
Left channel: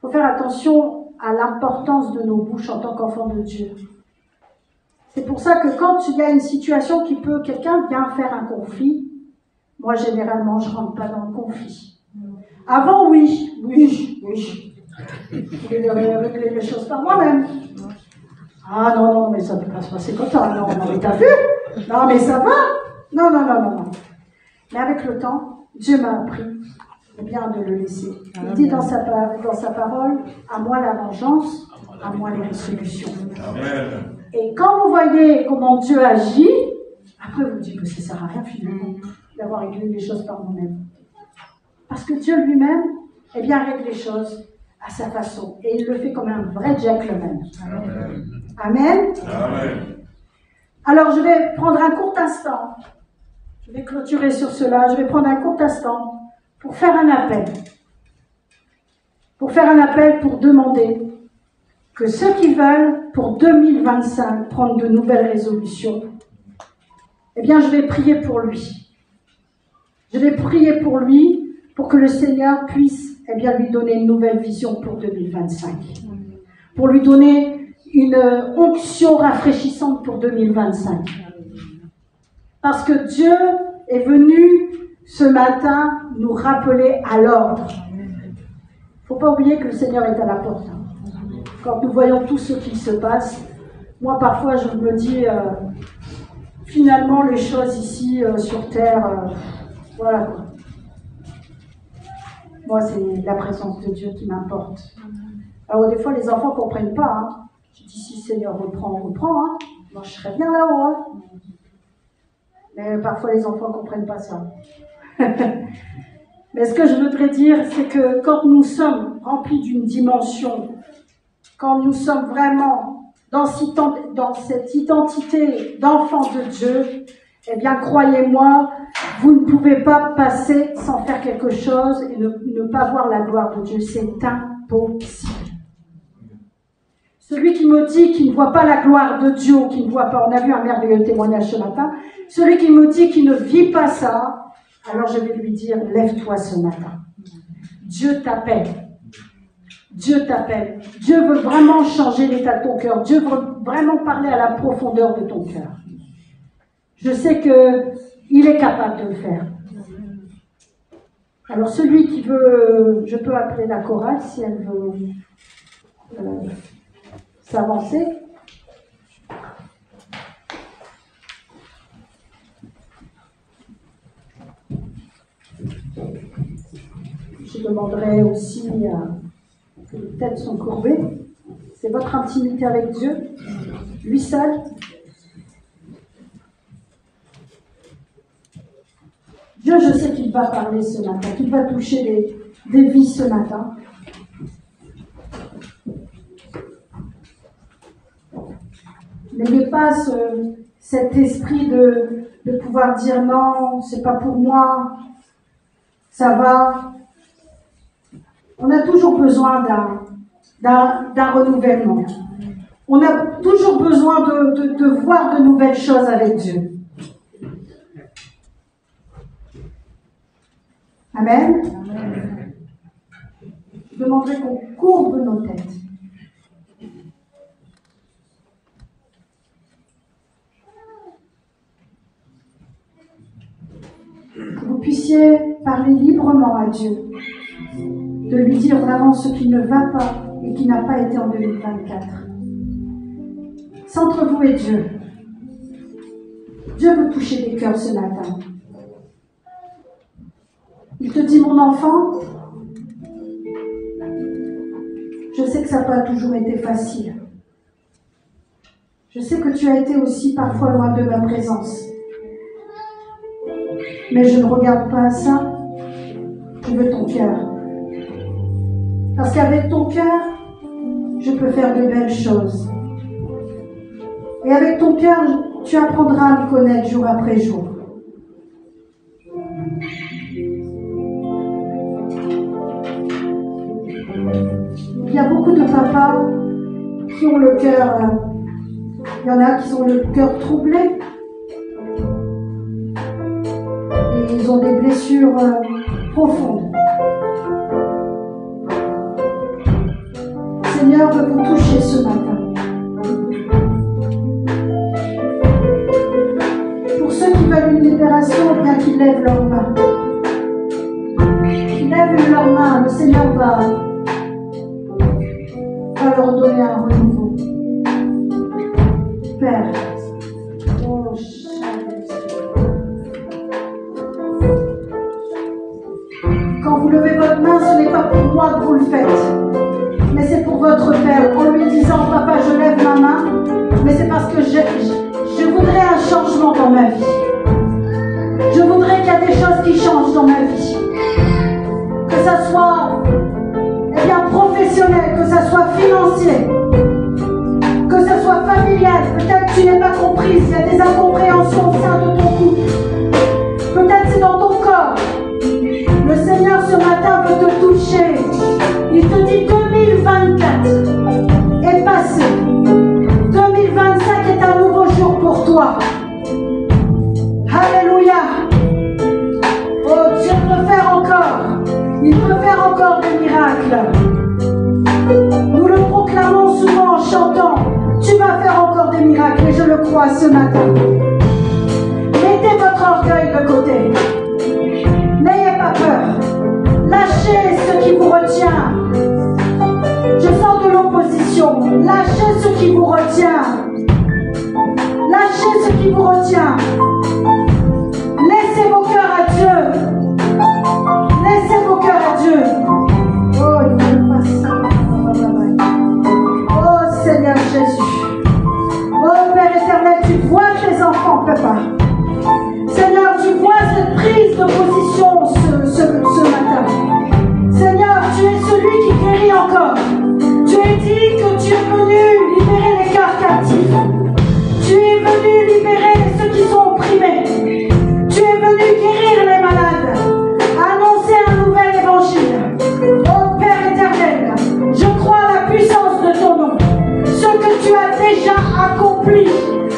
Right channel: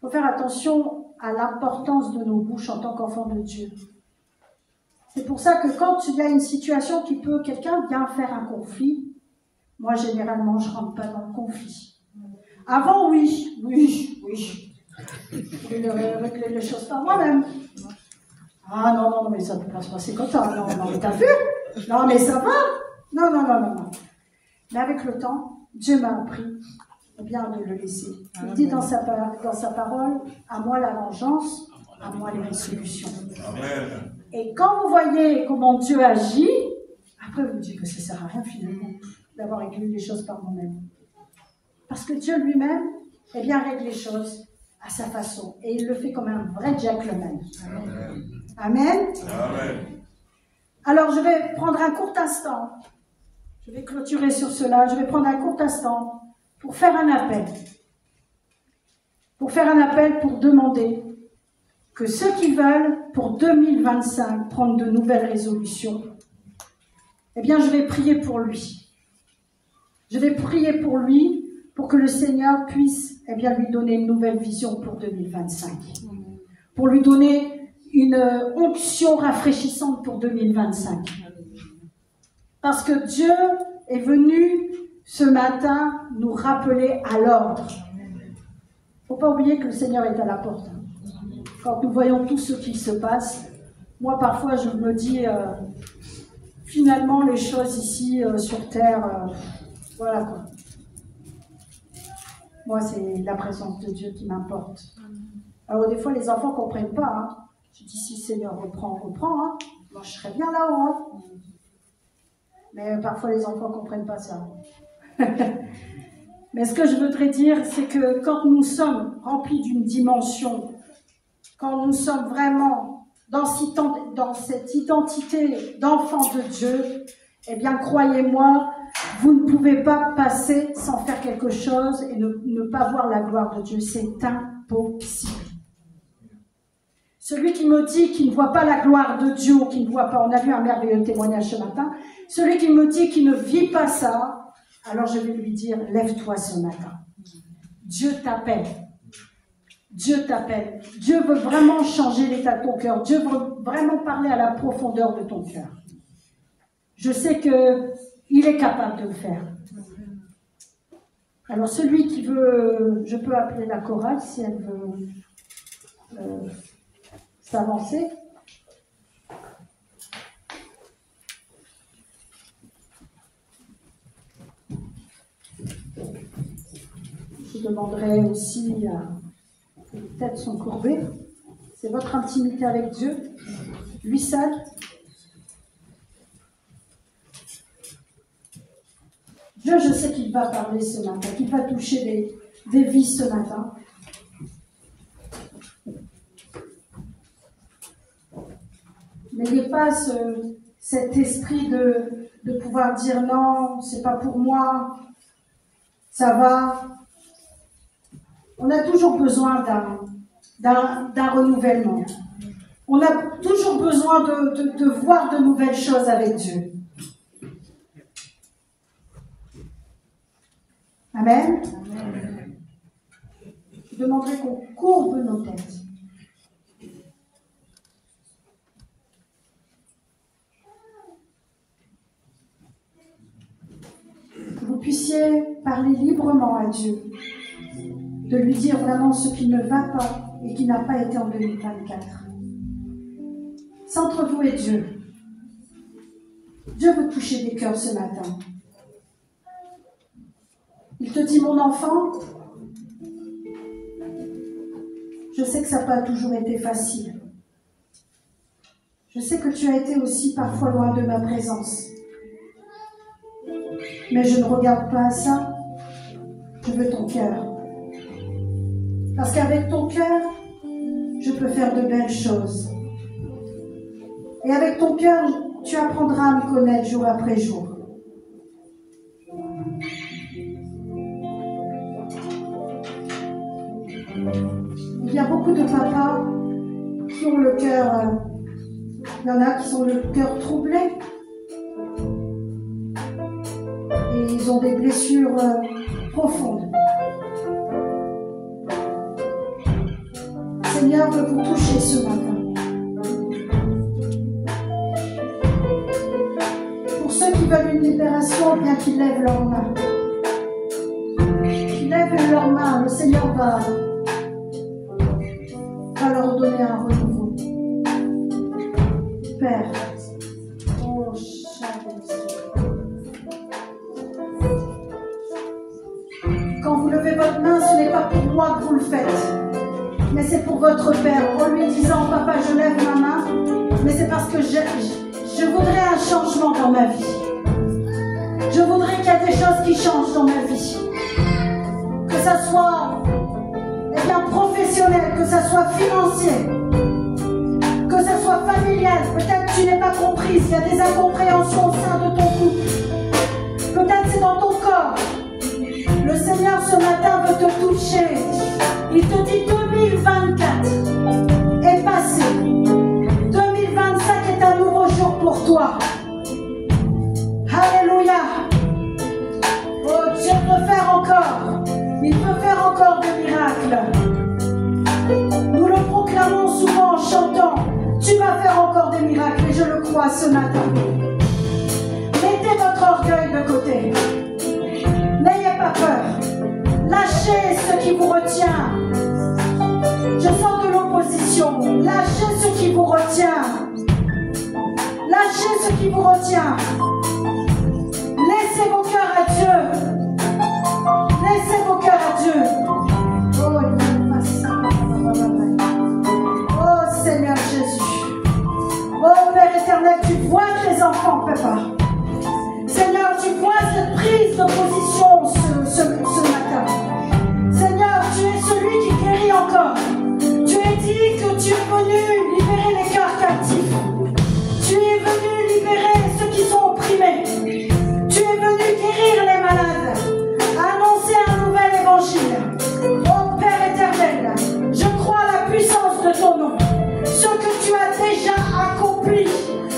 faut faire attention à l'importance de nos bouches en tant qu'enfants de Dieu. C'est pour ça que quand il y a une situation quelqu'un vient faire un conflit, moi, généralement, je ne rentre pas dans le conflit. Avant, oui. Je vais régler les choses par moi-même. Ah non, mais ça ne peut pas se passer comme ça. Non, mais t'as vu? Non, mais ça va? Non. Mais avec le temps, Dieu m'a appris bien de le laisser. Il dit dans sa parole, à moi la vengeance, à moi les résolutions. Amen. Et quand vous voyez comment Dieu agit, après vous dites que ça ne sert à rien finalement d'avoir réglé les choses par nous-mêmes. Parce que Dieu lui-même, règle les choses à sa façon. Et il le fait comme un vrai gentleman. Amen. Amen. Alors je vais prendre un court instant. Je vais clôturer sur cela. Je vais prendre un court instant pour faire un appel. Pour faire un appel pour demander que ceux qui veulent, pour 2025, prendre de nouvelles résolutions, je vais prier pour lui. Je vais prier pour lui, pour que le Seigneur puisse lui donner une nouvelle vision pour 2025. Pour lui donner une onction rafraîchissante pour 2025. Parce que Dieu est venu ce matin nous rappeler à l'ordre. Il ne faut pas oublier que le Seigneur est à la porte. Quand nous voyons tout ce qui se passe, moi parfois je me dis, finalement les choses ici sur terre, voilà quoi. Moi c'est la présence de Dieu qui m'importe. Alors des fois les enfants ne comprennent pas. Hein. Je dis si le Seigneur reprend, hein. Moi je serais bien là-haut. Hein. Mais parfois les enfants ne comprennent pas ça. Mais ce que je voudrais dire, c'est que quand nous sommes remplis d'une dimension, quand nous sommes vraiment dans cette identité d'enfant de Dieu, croyez-moi, vous ne pouvez pas passer sans faire quelque chose et ne pas voir la gloire de Dieu. C'est impossible. Celui qui me dit qu'il ne voit pas la gloire de Dieu, qu'il ne voit pas, on a vu un merveilleux témoignage ce matin, celui qui me dit qu'il ne vit pas ça, alors je vais lui dire, lève-toi ce matin. Dieu t'appelle. Dieu t'appelle. Dieu veut vraiment changer l'état de ton cœur. Dieu veut vraiment parler à la profondeur de ton cœur. Je sais qu'il est capable de le faire. Alors celui qui veut, je peux appeler la chorale si elle veut s'avancer. Je demanderai aussi que les têtes sont courbées. C'est votre intimité avec Dieu, lui seul. Dieu, je sais qu'il va parler ce matin, qu'il va toucher des vies ce matin. Mais dépasse cet esprit de pouvoir dire non, c'est pas pour moi, ça va. On a toujours besoin d'un renouvellement. On a toujours besoin de voir de nouvelles choses avec Dieu. Amen. Amen. Je demanderai qu'on courbe nos têtes. Que vous puissiez parler librement à Dieu. De lui dire vraiment ce qui ne va pas et qui n'a pas été en 2024. C'est entre vous et Dieu. Dieu veut toucher des cœurs ce matin. Il te dit, mon enfant, je sais que ça n'a pas toujours été facile. Je sais que tu as été aussi parfois loin de ma présence. Mais je ne regarde pas à ça. Je veux ton cœur. Parce qu'avec ton cœur, je peux faire de belles choses. Et avec ton cœur, tu apprendras à me connaître jour après jour. Il y a beaucoup de papas qui ont le cœur, il y en a qui ont le cœur troublé. Et ils ont des blessures profondes. Le Seigneur veut vous toucher ce matin. Pour ceux qui veulent une libération, bien qu'ils lèvent leurs mains. Qu'ils lèvent leurs mains, le Seigneur va leur donner un renouveau. Père, oh, quand vous levez votre main, ce n'est pas pour moi que vous le faites, mais c'est pour votre Père, en lui disant, papa, je lève ma main, mais c'est parce que je voudrais un changement dans ma vie. Je voudrais qu'il y ait des choses qui changent dans ma vie. Que ça soit professionnel, que ça soit financier, que ça soit familial. Peut-être que tu n'es pas comprise, il y a des incompréhensions au sein de ton couple. Peut-être c'est dans ton corps. Le Seigneur ce matin veut te toucher. Il te dit 2024 est passé. 2025 est un nouveau jour pour toi. Alléluia. Oh, Dieu peut faire encore. Il peut faire encore des miracles. Nous le proclamons souvent en chantant. Tu vas faire encore des miracles et je le crois ce matin. Mettez votre orgueil de côté. N'ayez pas peur. Lâchez ce qui vous retient. Je sens de l'opposition. Lâchez ce qui vous retient. Lâchez ce qui vous retient. Laissez vos cœurs à Dieu. Laissez vos cœurs à Dieu. Oh Seigneur Jésus. Oh Père éternel, tu vois tes enfants, papa. Seigneur, tu vois cette prise de position ce matin. Seigneur, tu es celui qui guérit encore. Tu as dit que tu es venu libérer les cœurs captifs. Tu es venu libérer ceux qui sont opprimés. Tu es venu guérir les malades. Annoncer un nouvel évangile. Oh Père éternel, je crois à la puissance de ton nom. Ce que tu as déjà accompli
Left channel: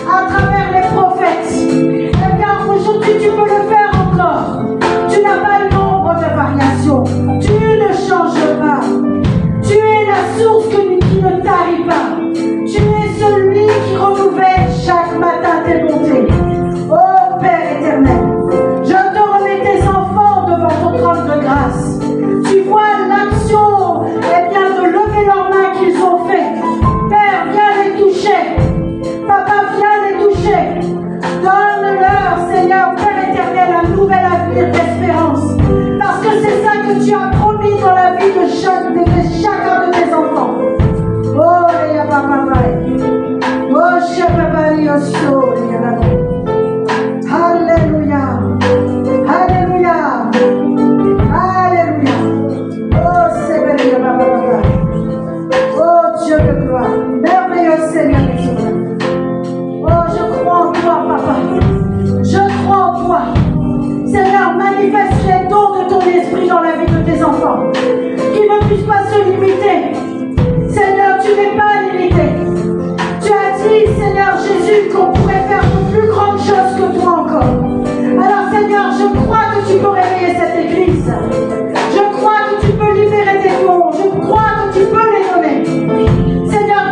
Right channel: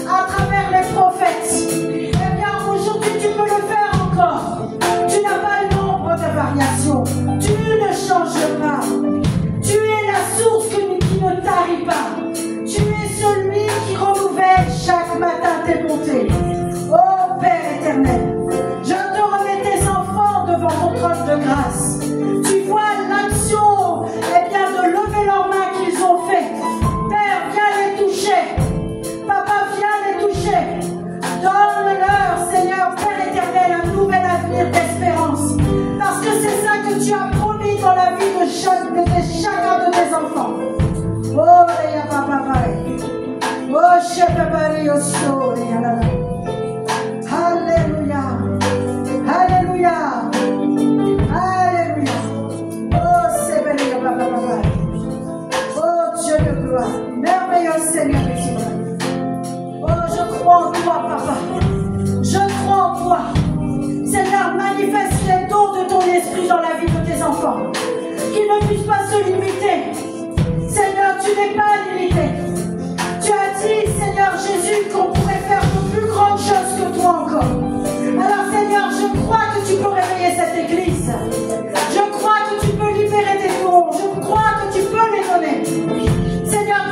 à travers les prophètes. Eh bien, aujourd'hui, tu peux le faire encore. Tu n'as pas le nombre de variations. Tu ne changes pas. Tu es la source qui ne tarit pas. Tu es celui qui renouvelle chaque matin tes bontés. Oh Père éternel, je te remets tes enfants devant ton trône de grâce. Tu vois l'action, eh bien, de lever leurs mains qu'ils ont fait. Père, viens les toucher. Papa, viens les toucher. Donne-leur, Seigneur, Père éternel, un nouvel avenir d'espérance. Parce que c'est ça que tu as promis dans la vie de chacun de tes enfants. Oh, les papa. Oh, Shababari, Alléluia. Alléluia. Alléluia. Oh, c'est belle, papa. Oh, Dieu de gloire. Merveilleux Seigneur. Oh, je crois en toi, papa. Je crois en toi. Seigneur, manifeste les dons de ton esprit dans la vie de tes enfants. Qu'ils ne puissent pas se limiter. Seigneur, tu n'es pas limité. Tu as dit, Seigneur Jésus, qu'on pourrait faire de plus grandes choses que toi encore. Alors, Seigneur, je crois que tu peux réveiller cette église. Je crois que tu peux libérer tes dons. Je crois que tu peux les donner. Seigneur,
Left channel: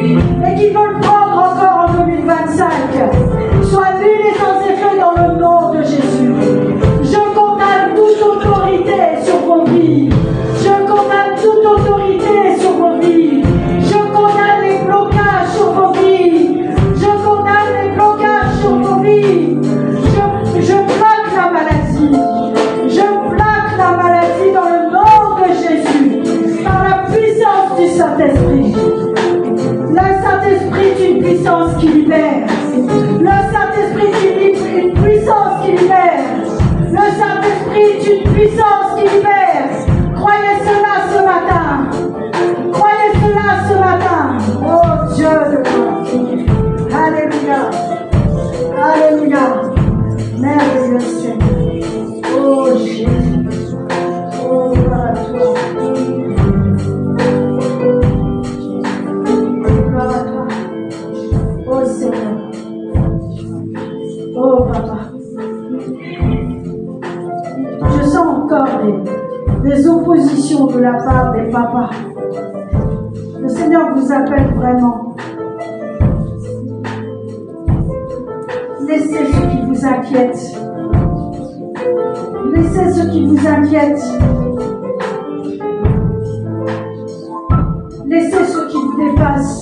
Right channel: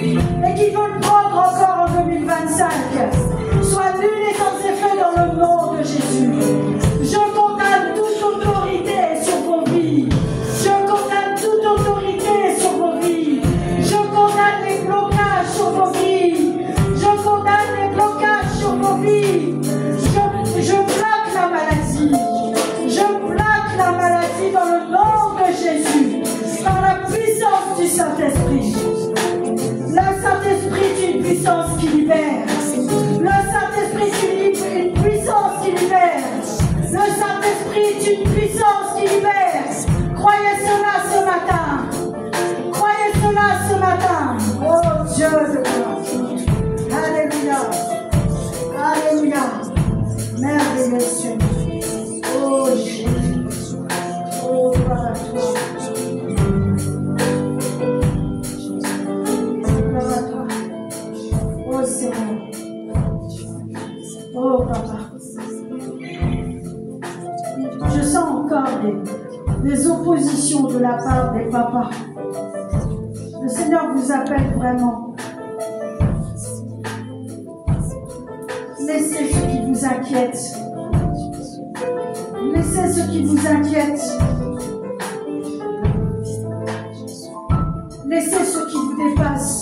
et qui veulent prendre encore en 2025. Soient huilés sans effet dans le nom de Jésus. Je condamne toute autorité sur vos vies. Je condamne toute autorité sur vos vies. Je condamne les blocages sur vos vies. Je condamne les blocages sur vos vies. Je plaque la maladie. Je plaque la maladie dans le nom de Jésus. Par la puissance du Saint-Esprit. Le Saint-Esprit est une puissance qui libère. Le Saint-Esprit est une puissance qui libère. Le Saint-Esprit est une puissance qui libère. Croyez cela ce matin. Croyez cela ce matin. Oh Dieu de gloire. Alléluia. Alléluia. Merveilleux Seigneur. Oh Jésus. Oh gloire à toi. Gloire à toi. Oh Seigneur. Oh Papa. Je sens encore des oppositions de la part des papas. Le Seigneur vous appelle vraiment. Laissez ce qui vous inquiète. Laissez ce qui vous inquiète. Laissez ce qui vous dépasse.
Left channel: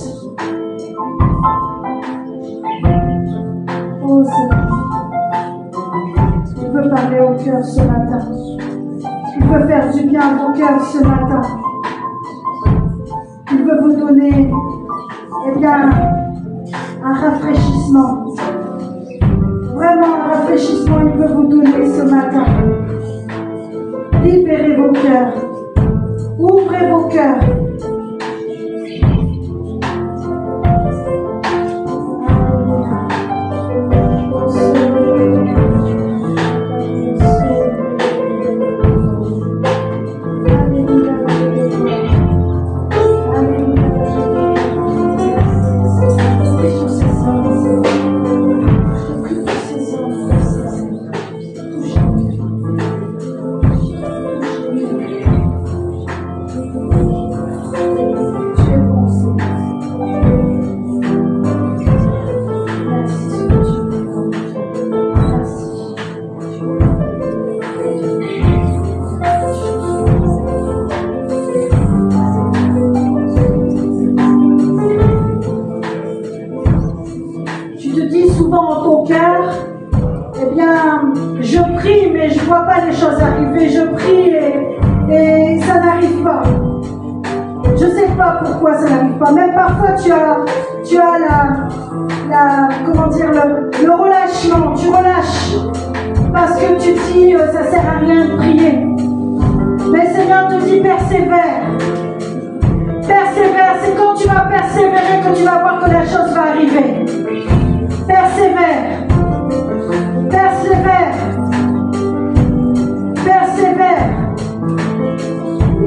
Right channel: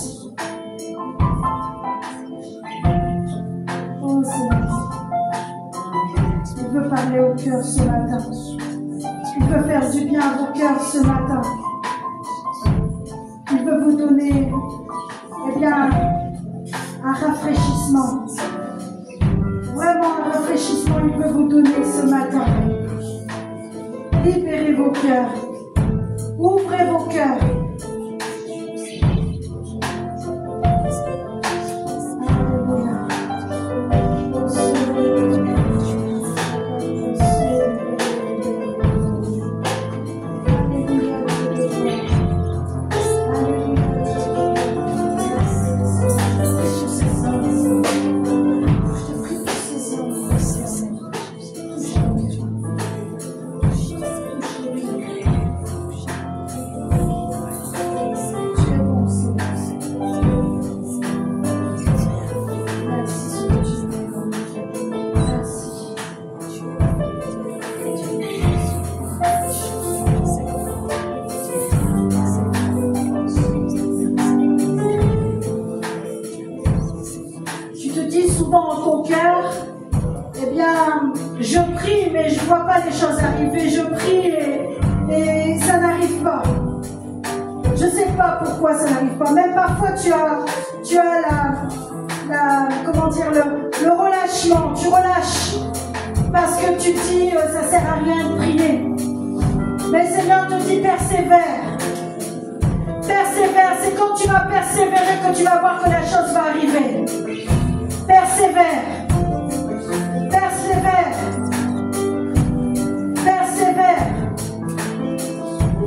Oh Seigneur. Il veut parler au cœur ce matin. Il veut faire du bien à vos cœurs ce matin. Il veut vous donner, eh bien, un rafraîchissement. Vraiment un rafraîchissement, il veut vous donner ce matin. Libérez vos cœurs. Ouvrez vos cœurs. Le relâchement, tu relâches parce que tu dis ça sert à rien de prier. Mais le Seigneur te dit persévère. Persévère, c'est quand tu vas persévérer que tu vas voir que la chose va arriver. Persévère. Persévère. Persévère.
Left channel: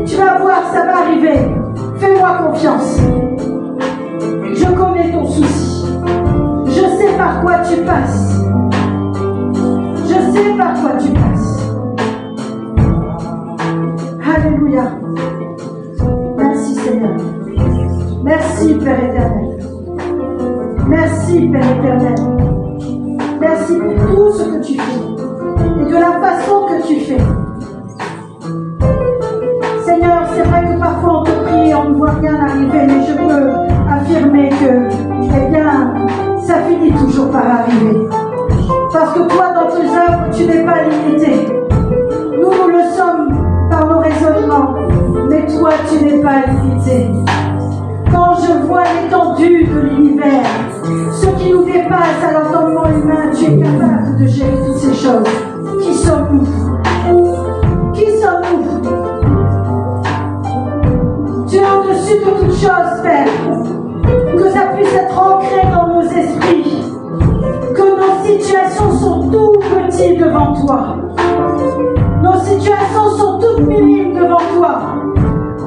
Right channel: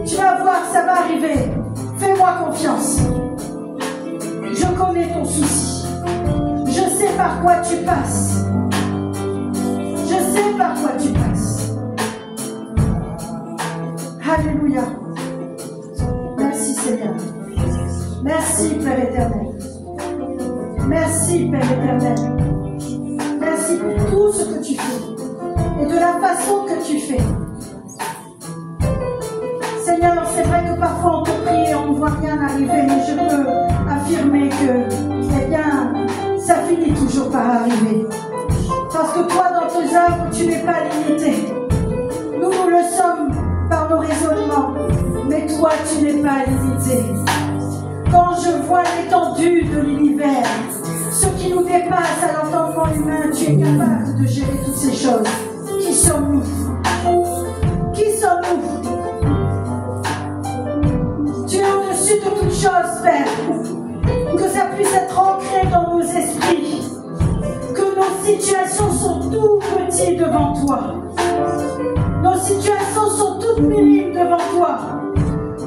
Tu vas voir, ça va arriver. Fais-moi confiance. Je connais ton souci. Je sais par quoi tu passes. Je sais par quoi tu passes. Alléluia. Merci Seigneur. Merci Père éternel. Merci Père éternel. Merci pour tout ce que tu fais. Et de la façon que tu fais. Seigneur, c'est vrai que parfois on te prie et on ne voit rien arriver, mais je peux affirmer que, eh bien, ça finit toujours par arriver. Parce que toi, dans tes œuvres, tu n'es pas limité. Nous, nous le sommes par nos raisonnements, mais toi, tu n'es pas limité. Quand je vois l'étendue de l'univers, ce qui nous dépasse à l'entendement humain, tu es capable de gérer toutes ces choses. Qui sommes-nous? Qui sommes-nous? Tu es au-dessus de toutes choses, Père. Que ça puisse être ancré dans nos esprits. Que nos situations sont tout petites devant toi. Nos situations sont toutes minimes devant toi.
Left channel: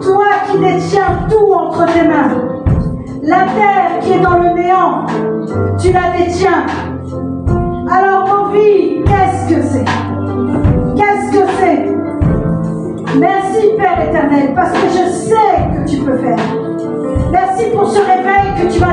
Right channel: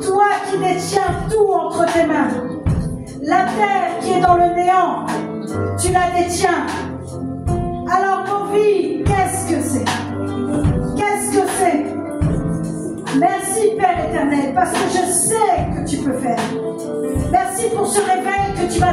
Toi qui détiens tout entre tes mains. La terre qui est dans le néant, tu la détiens. Alors nos vies, qu'est-ce que c'est? Qu'est-ce que c'est? Merci Père éternel, parce que je sais que tu peux faire. Merci pour ce réveil que tu vas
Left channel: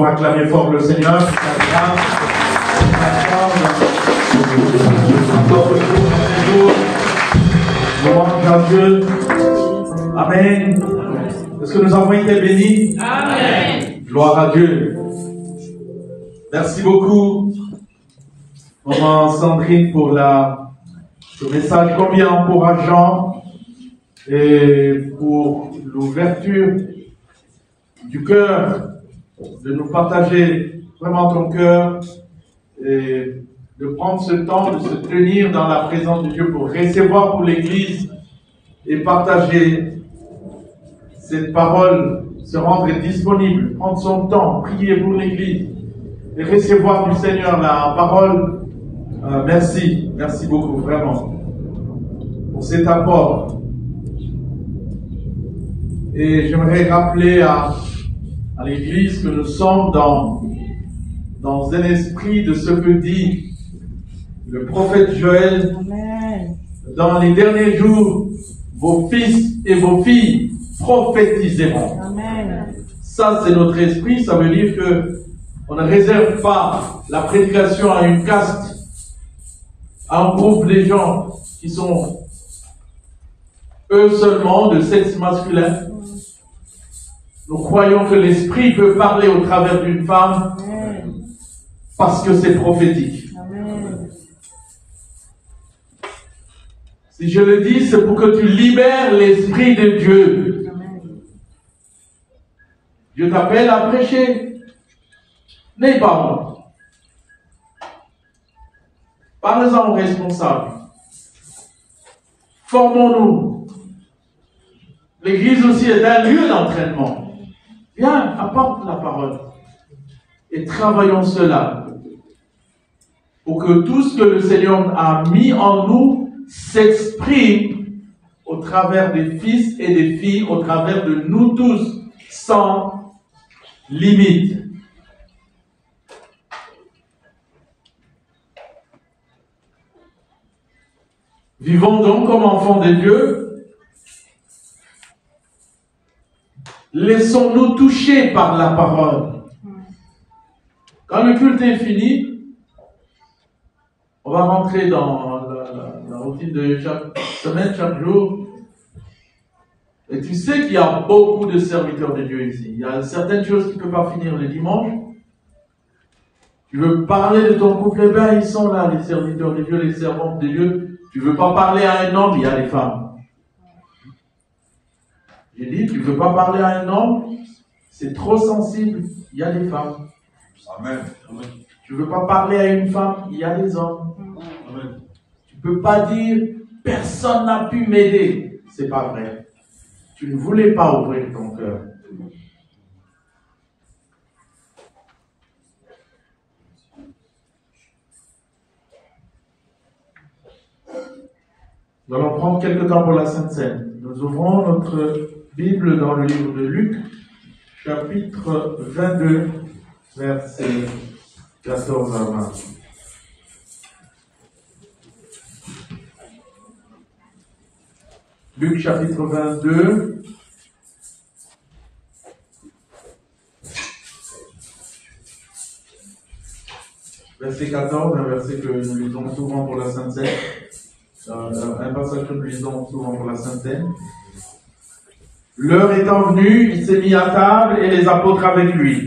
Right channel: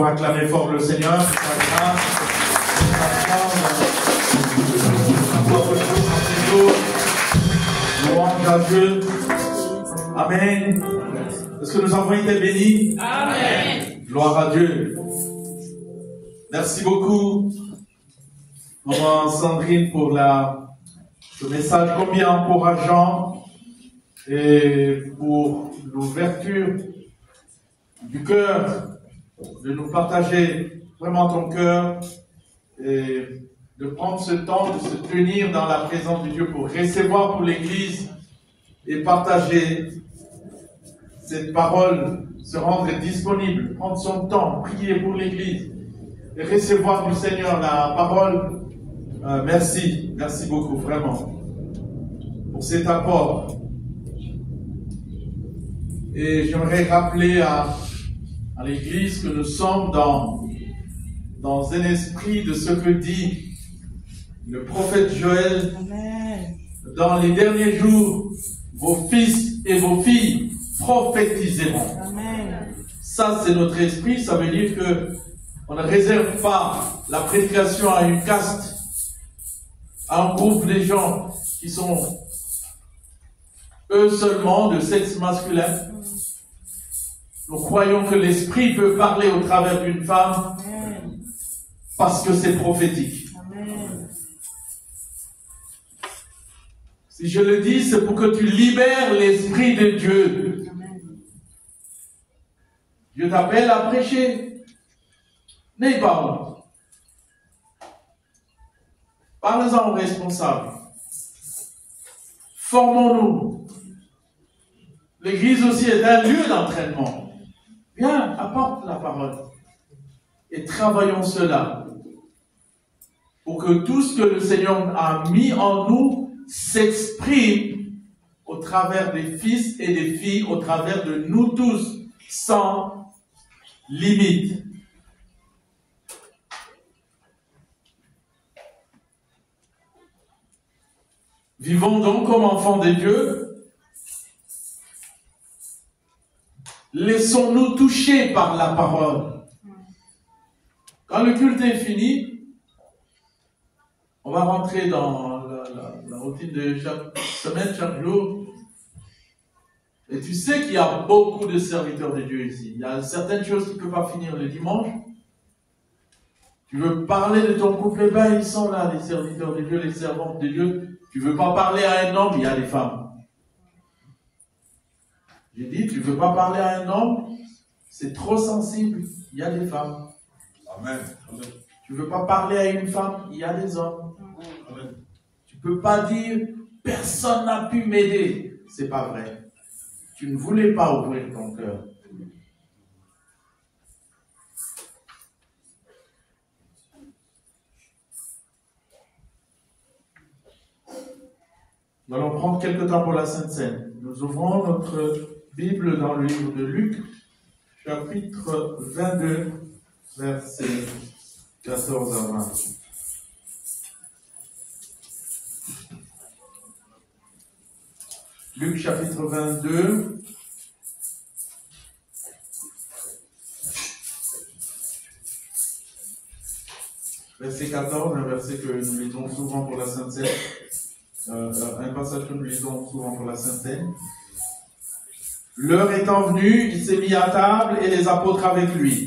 faut acclamer fort le Seigneur pour sa grâce, pour sa force, encore louange à Dieu. Amen. Est-ce que nous avons été bénis? Amen. Gloire à Dieu. Merci beaucoup, maman Sandrine, pour ce message combien encourageant et pour l'ouverture du cœur, de nous partager vraiment ton cœur et de prendre ce temps, de se tenir dans la présence de Dieu pour recevoir pour l'Église et partager cette parole, se rendre disponible, prendre son temps, prier pour l'Église et recevoir du Seigneur la parole. Merci beaucoup vraiment pour cet apport. Et j'aimerais rappeler à l'Église que nous sommes dans un esprit de ce que dit le prophète Joël. Amen. Dans les derniers jours, vos fils et vos filles prophétiseront. Amen. Ça, c'est notre esprit. Ça veut dire que on ne réserve pas la prédication à une caste, à un groupe de gens qui sont eux seulement de sexe masculin. Nous croyons que l'esprit peut parler au travers d'une femme parce que c'est prophétique. Amen. Si je le dis, c'est pour que tu libères l'esprit de Dieu. Amen. Dieu t'appelle à prêcher. N'aie pas honte. Parlez-en aux responsables. Formons-nous. L'église aussi est un lieu d'entraînement. Viens, apporte la parole. Et travaillons cela. Pour que tout ce que le Seigneur a mis en nous s'exprime au travers des fils et des filles, au travers de nous tous, sans limite. Vivons donc comme enfants de Dieu. Laissons-nous toucher par la parole. Quand le culte est fini, on va rentrer dans la routine de chaque semaine, chaque jour. Et tu sais qu'il y a beaucoup de serviteurs de Dieu ici. Il y a certaines choses qui ne peuvent pas finir le dimanche. Tu veux parler de ton couple, eh bien, ils sont là, les serviteurs de Dieu, les servantes de Dieu. Tu ne veux pas parler à un homme, il y a des femmes. J'ai dit, tu ne veux pas parler à un homme, c'est trop sensible, il y a des femmes. Amen. Tu ne veux pas parler à une femme, il y a des hommes. Amen. Tu ne peux pas dire, personne n'a pu m'aider. C'est pas vrai. Tu ne voulais pas ouvrir ton cœur. Nous allons prendre quelques temps pour la Sainte Seine. Nous ouvrons notre Bible dans le livre de Luc, chapitre 22, versets 14 à 20. Luc, chapitre 22, verset 14, un verset que nous lisons souvent pour la Sainte Seine. Un passage que nous lisons souvent pour la Sainte Seine. L'heure étant venue, il s'est mis à table et les apôtres avec lui.